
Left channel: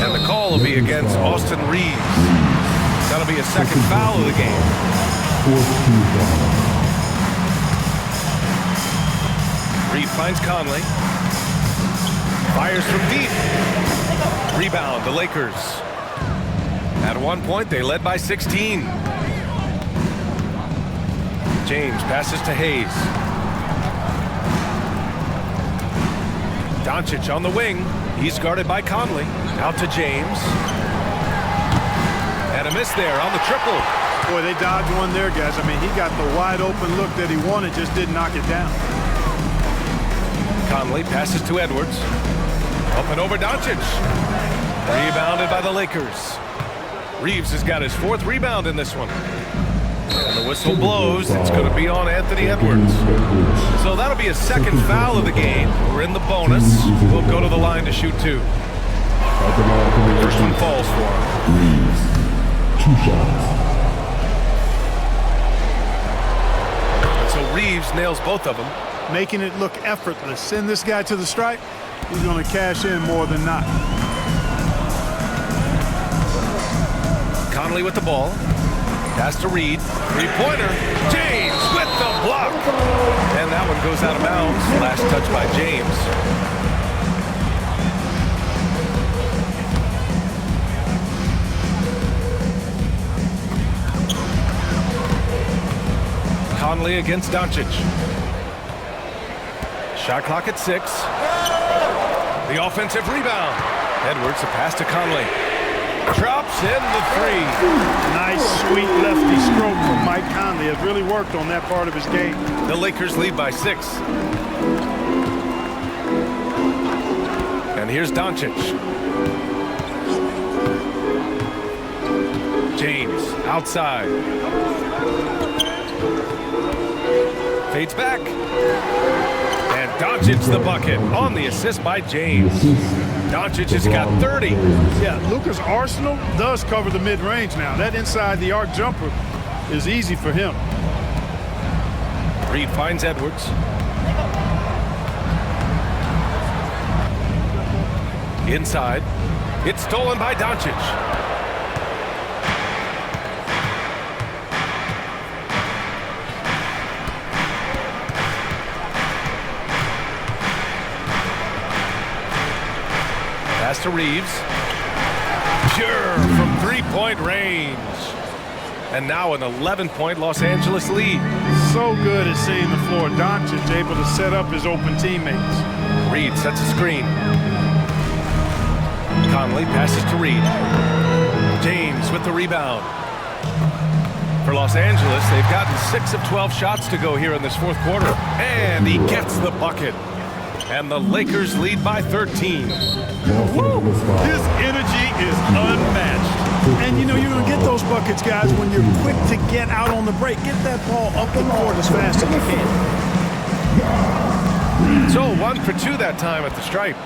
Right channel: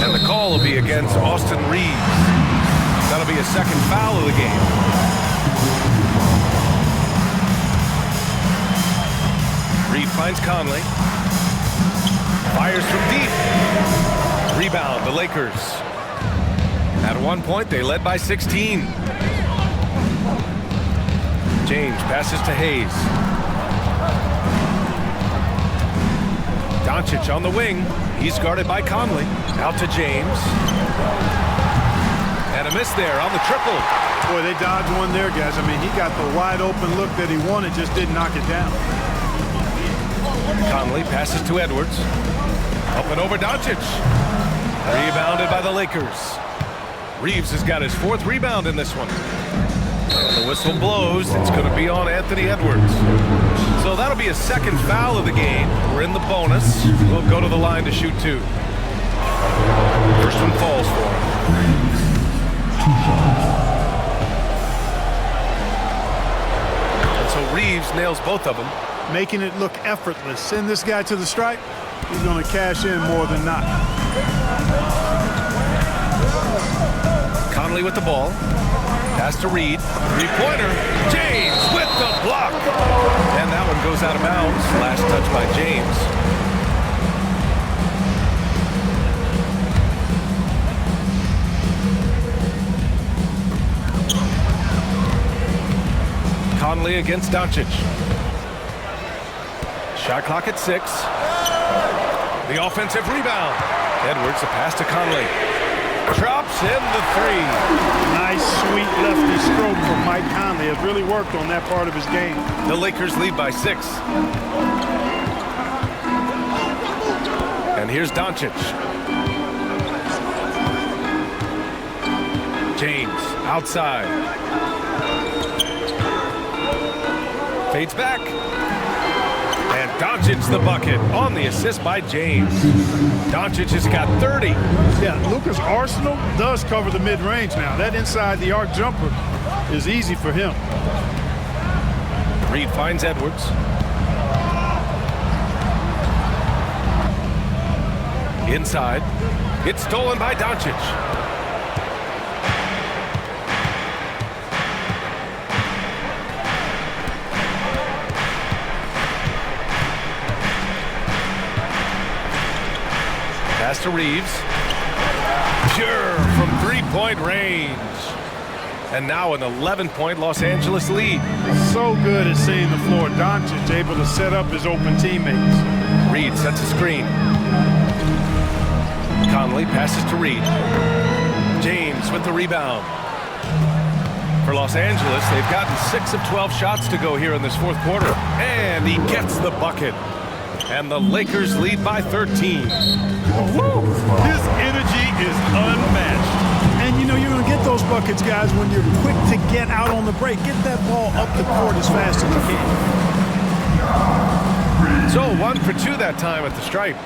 And the call will be against Austin Reeves. That'll be a second foul of the game. Reeves finds Conley. Fires from deep. Rebound, the Lakers. At one point, they led by 16. James passes to Hayes. Doncic on the wing. He's guarded by Conley. Out to James. And a miss there on the triple. Boy, they dodged one there, guys. I mean, he got the wide open look that he wanted, just didn't knock it down. Conley passes to Edwards. Up and over Doncic. Rebounded by the Lakers. Reeves has got his 4th rebound in this one. And the whistle blows. It's going to be on Anthony Edwards. So that'll be a second foul of the game. We're in the bonus. We'll go to the line to shoot 2. First one falls for him. Reeves, 2 shots. And so Reeves nails both of them. Making it look effortless. Send this guy to the stripe. He's going to cash in more than not. Conley with the ball. Pass to Reed. 3-pointer. James with the block. And that one goes out of bounds. Last touch by James. Conley against Doncic. Shot clock at 6. The offensive rebound. Edwards, the pass to Conley. Drops in the 3. Nice, sweet lefty stroke from Mike Conley. Has really worked on that part of his game. The Lakers lead by 6. And here's Doncic. James outside. Fades back. And Doncic the bucket on the assist by James. Doncic has got 30. Yeah, Luka's arsenal does cover the mid-range now. That inside the arc jumper is easy for him. Reed finds Edwards. Inside. It's stolen by Doncic. Pass to Reeves. Pure from 3-point range. And now an 11-point Los Angeles lead. So good at seeing the floor. Doncic able to set up his open teammates. Reed sets a screen. Conley passes to Reed. James with the rebound. For Los Angeles, they've gotten 6 of 12 shots to go here in this 4th quarter. And he gets the bucket. And the Lakers lead by 13. Woo! His energy is unmatched. And you're going to get those buckets, guys, when you're quick to get out on the break. Get that ball up the court as fast as you can. So 1 for 2 that time at the stripe.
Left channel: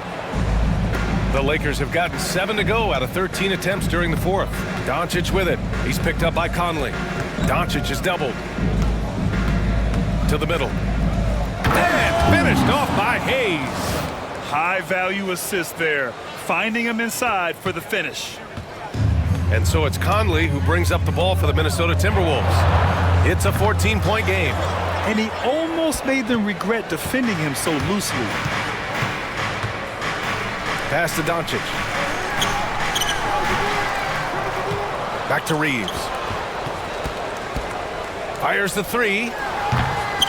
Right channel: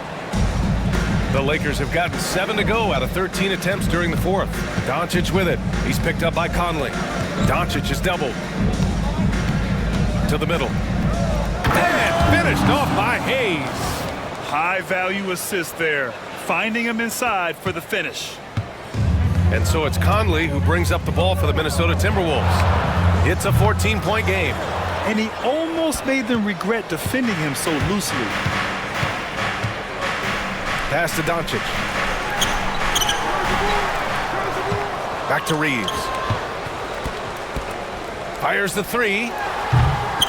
The Lakers have gotten 7 to go out of 13 attempts during the 4th. Doncic with it. He's picked up by Conley. Doncic is doubled. To the middle. And Finished off by Hayes. High-value assist there, finding him inside for the finish. And so it's Conley who brings up the ball for the Minnesota Timberwolves. It's a 14-point game. And he almost made them regret defending him so loosely. Pass to Doncic. Back to Reeves. Fires the three.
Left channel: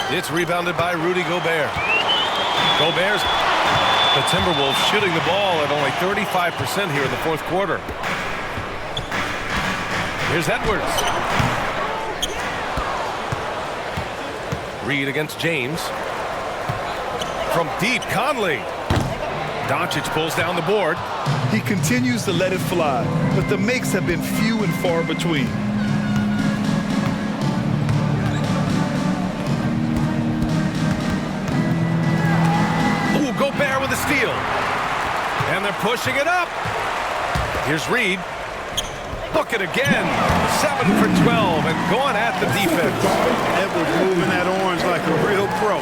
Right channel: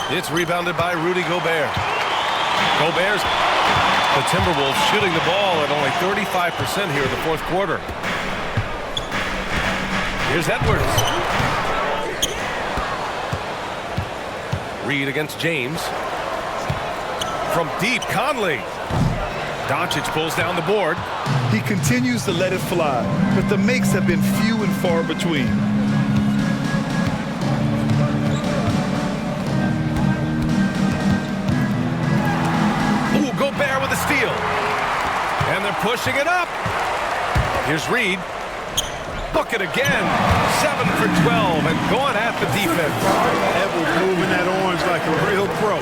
It's rebounded by Rudy Gobert. Gobert's the Timberwolves shooting the ball at only 35% here in the fourth quarter. Here's Edwards. Reed against James. From deep, Conley. Doncic pulls down the board. He continues to let it fly, but the makes have been few and far between. Ooh, Gobert with a steal. And they're pushing it up. Here's Reed. Bucket again. 7 for 12 and going at the defense. Edwards moving that orange like a real pro.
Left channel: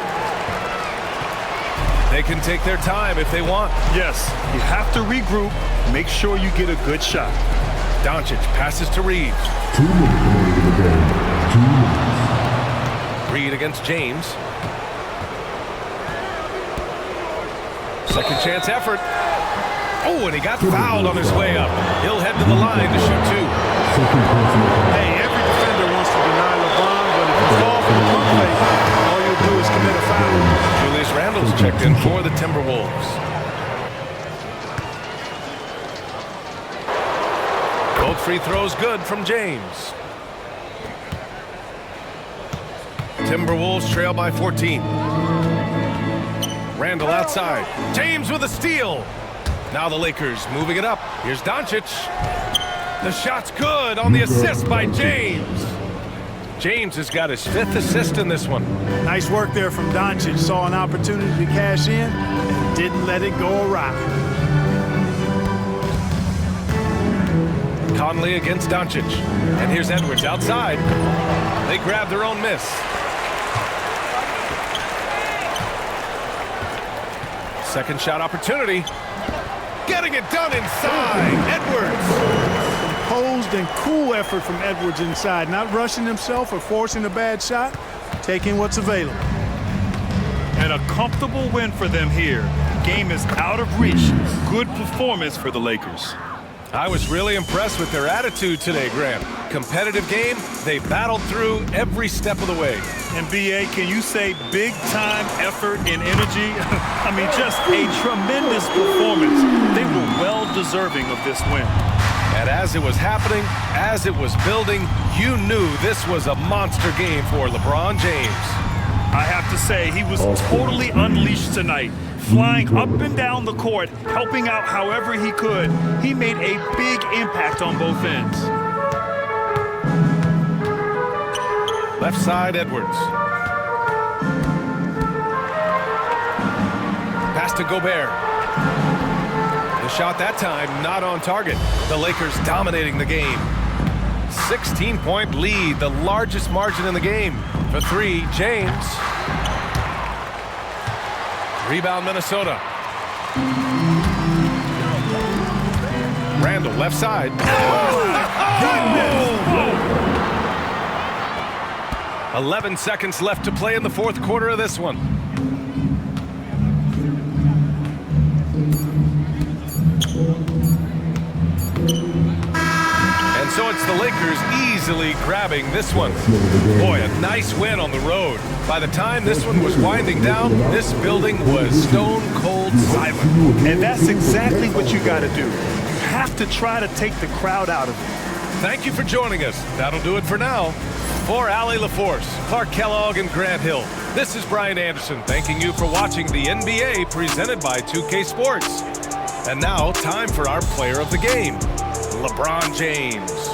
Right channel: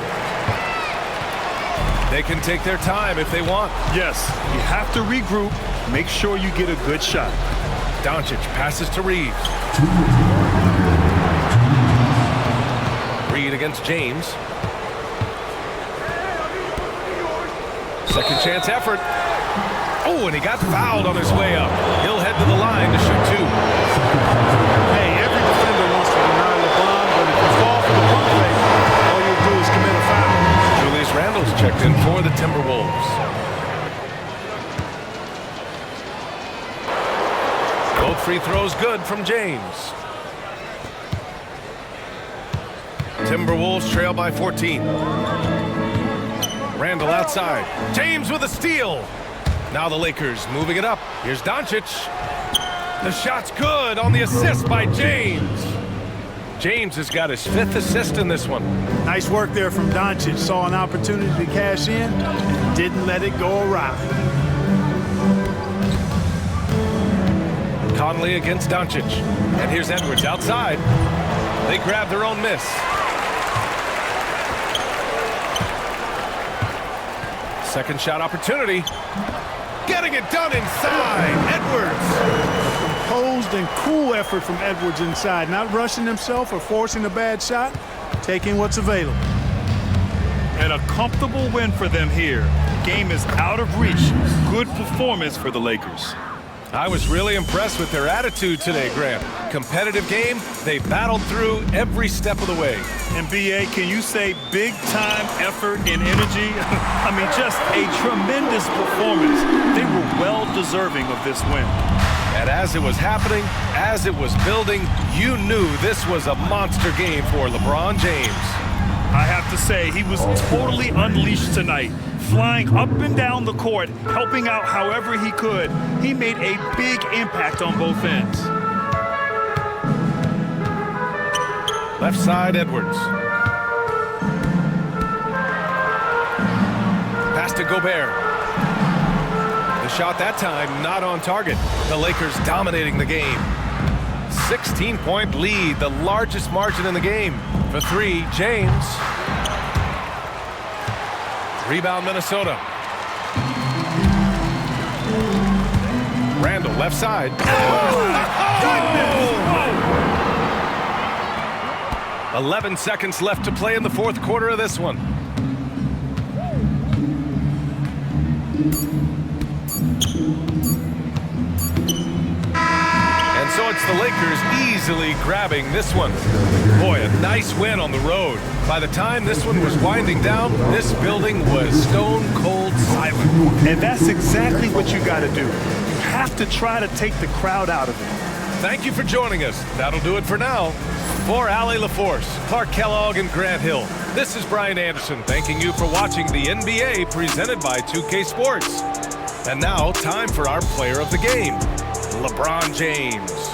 They can take their time if they want. Yes, you have to regroup. Make sure you get a good shot. Doncic passes to Reeves. 2 minutes left in the game. 2 minutes. Reed against James. Second chance effort. Oh, and he got fouled on his way up. He'll head to the line to shoot 2. Hey, every defender wants to deny LeBron, but if you fall for the pump fake, all you'll do is commit a foul. Julius Randle's checked in for the Timberwolves. Both free throws good from James. Timberwolves trail by 14. Randle outside. James with a steal. Now the Lakers moving it up. Here's Doncic. The shot's good on the assist by James. James has got his 5th assist in this one. Nice work there from Doncic. Saw an opportunity to cash in and didn't let it go awry. Conley against Doncic. And here's Edwards outside. They grab their own miss. Second shot opportunity. Getting it done inside. Edwards. Composed and cool effort from Edwards inside. Not rushing himself or forcing a bad shot. Taking what's available. And a comfortable win for them here. Game is out of reach. Good performance for the Lakers. I was really impressed with their attitude today, Grant. Competitive game, they battled through every step of the way. And BA, can you say big-time effort and energy? I mean, just a tremendous performance. They were well-deserving of this win. And as it was happening, as it was building, you knew this was a monster game for LeBron James. I have to say, he was totally unleashed tonight. Flying up and down the court, helping out however he could. He made a big impact on both ends. Left side, Edwards. Pass to Gobert. The shot that time not on target. The Lakers dominating the game. 16-point lead, the largest margin in the game. For 3, James. Rebound, Minnesota. Randle, left side. Oh! 11 seconds left to play in the fourth quarter of this one. And so it's the Lakers easily grabbing this one. Boy, a nice win on the road. By the time this one was winding down, this building was stone cold silent. And that's exactly what you got to do. You have to try to take the crowd out of it. Thank you for joining us. That'll do it for now. For Allie LaForce, Clark Kellogg, and Grant Hill, this is Brian Anderson thanking you for watching the NBA presented by 2K Sports. And now, time for our player of the game, LeBron James.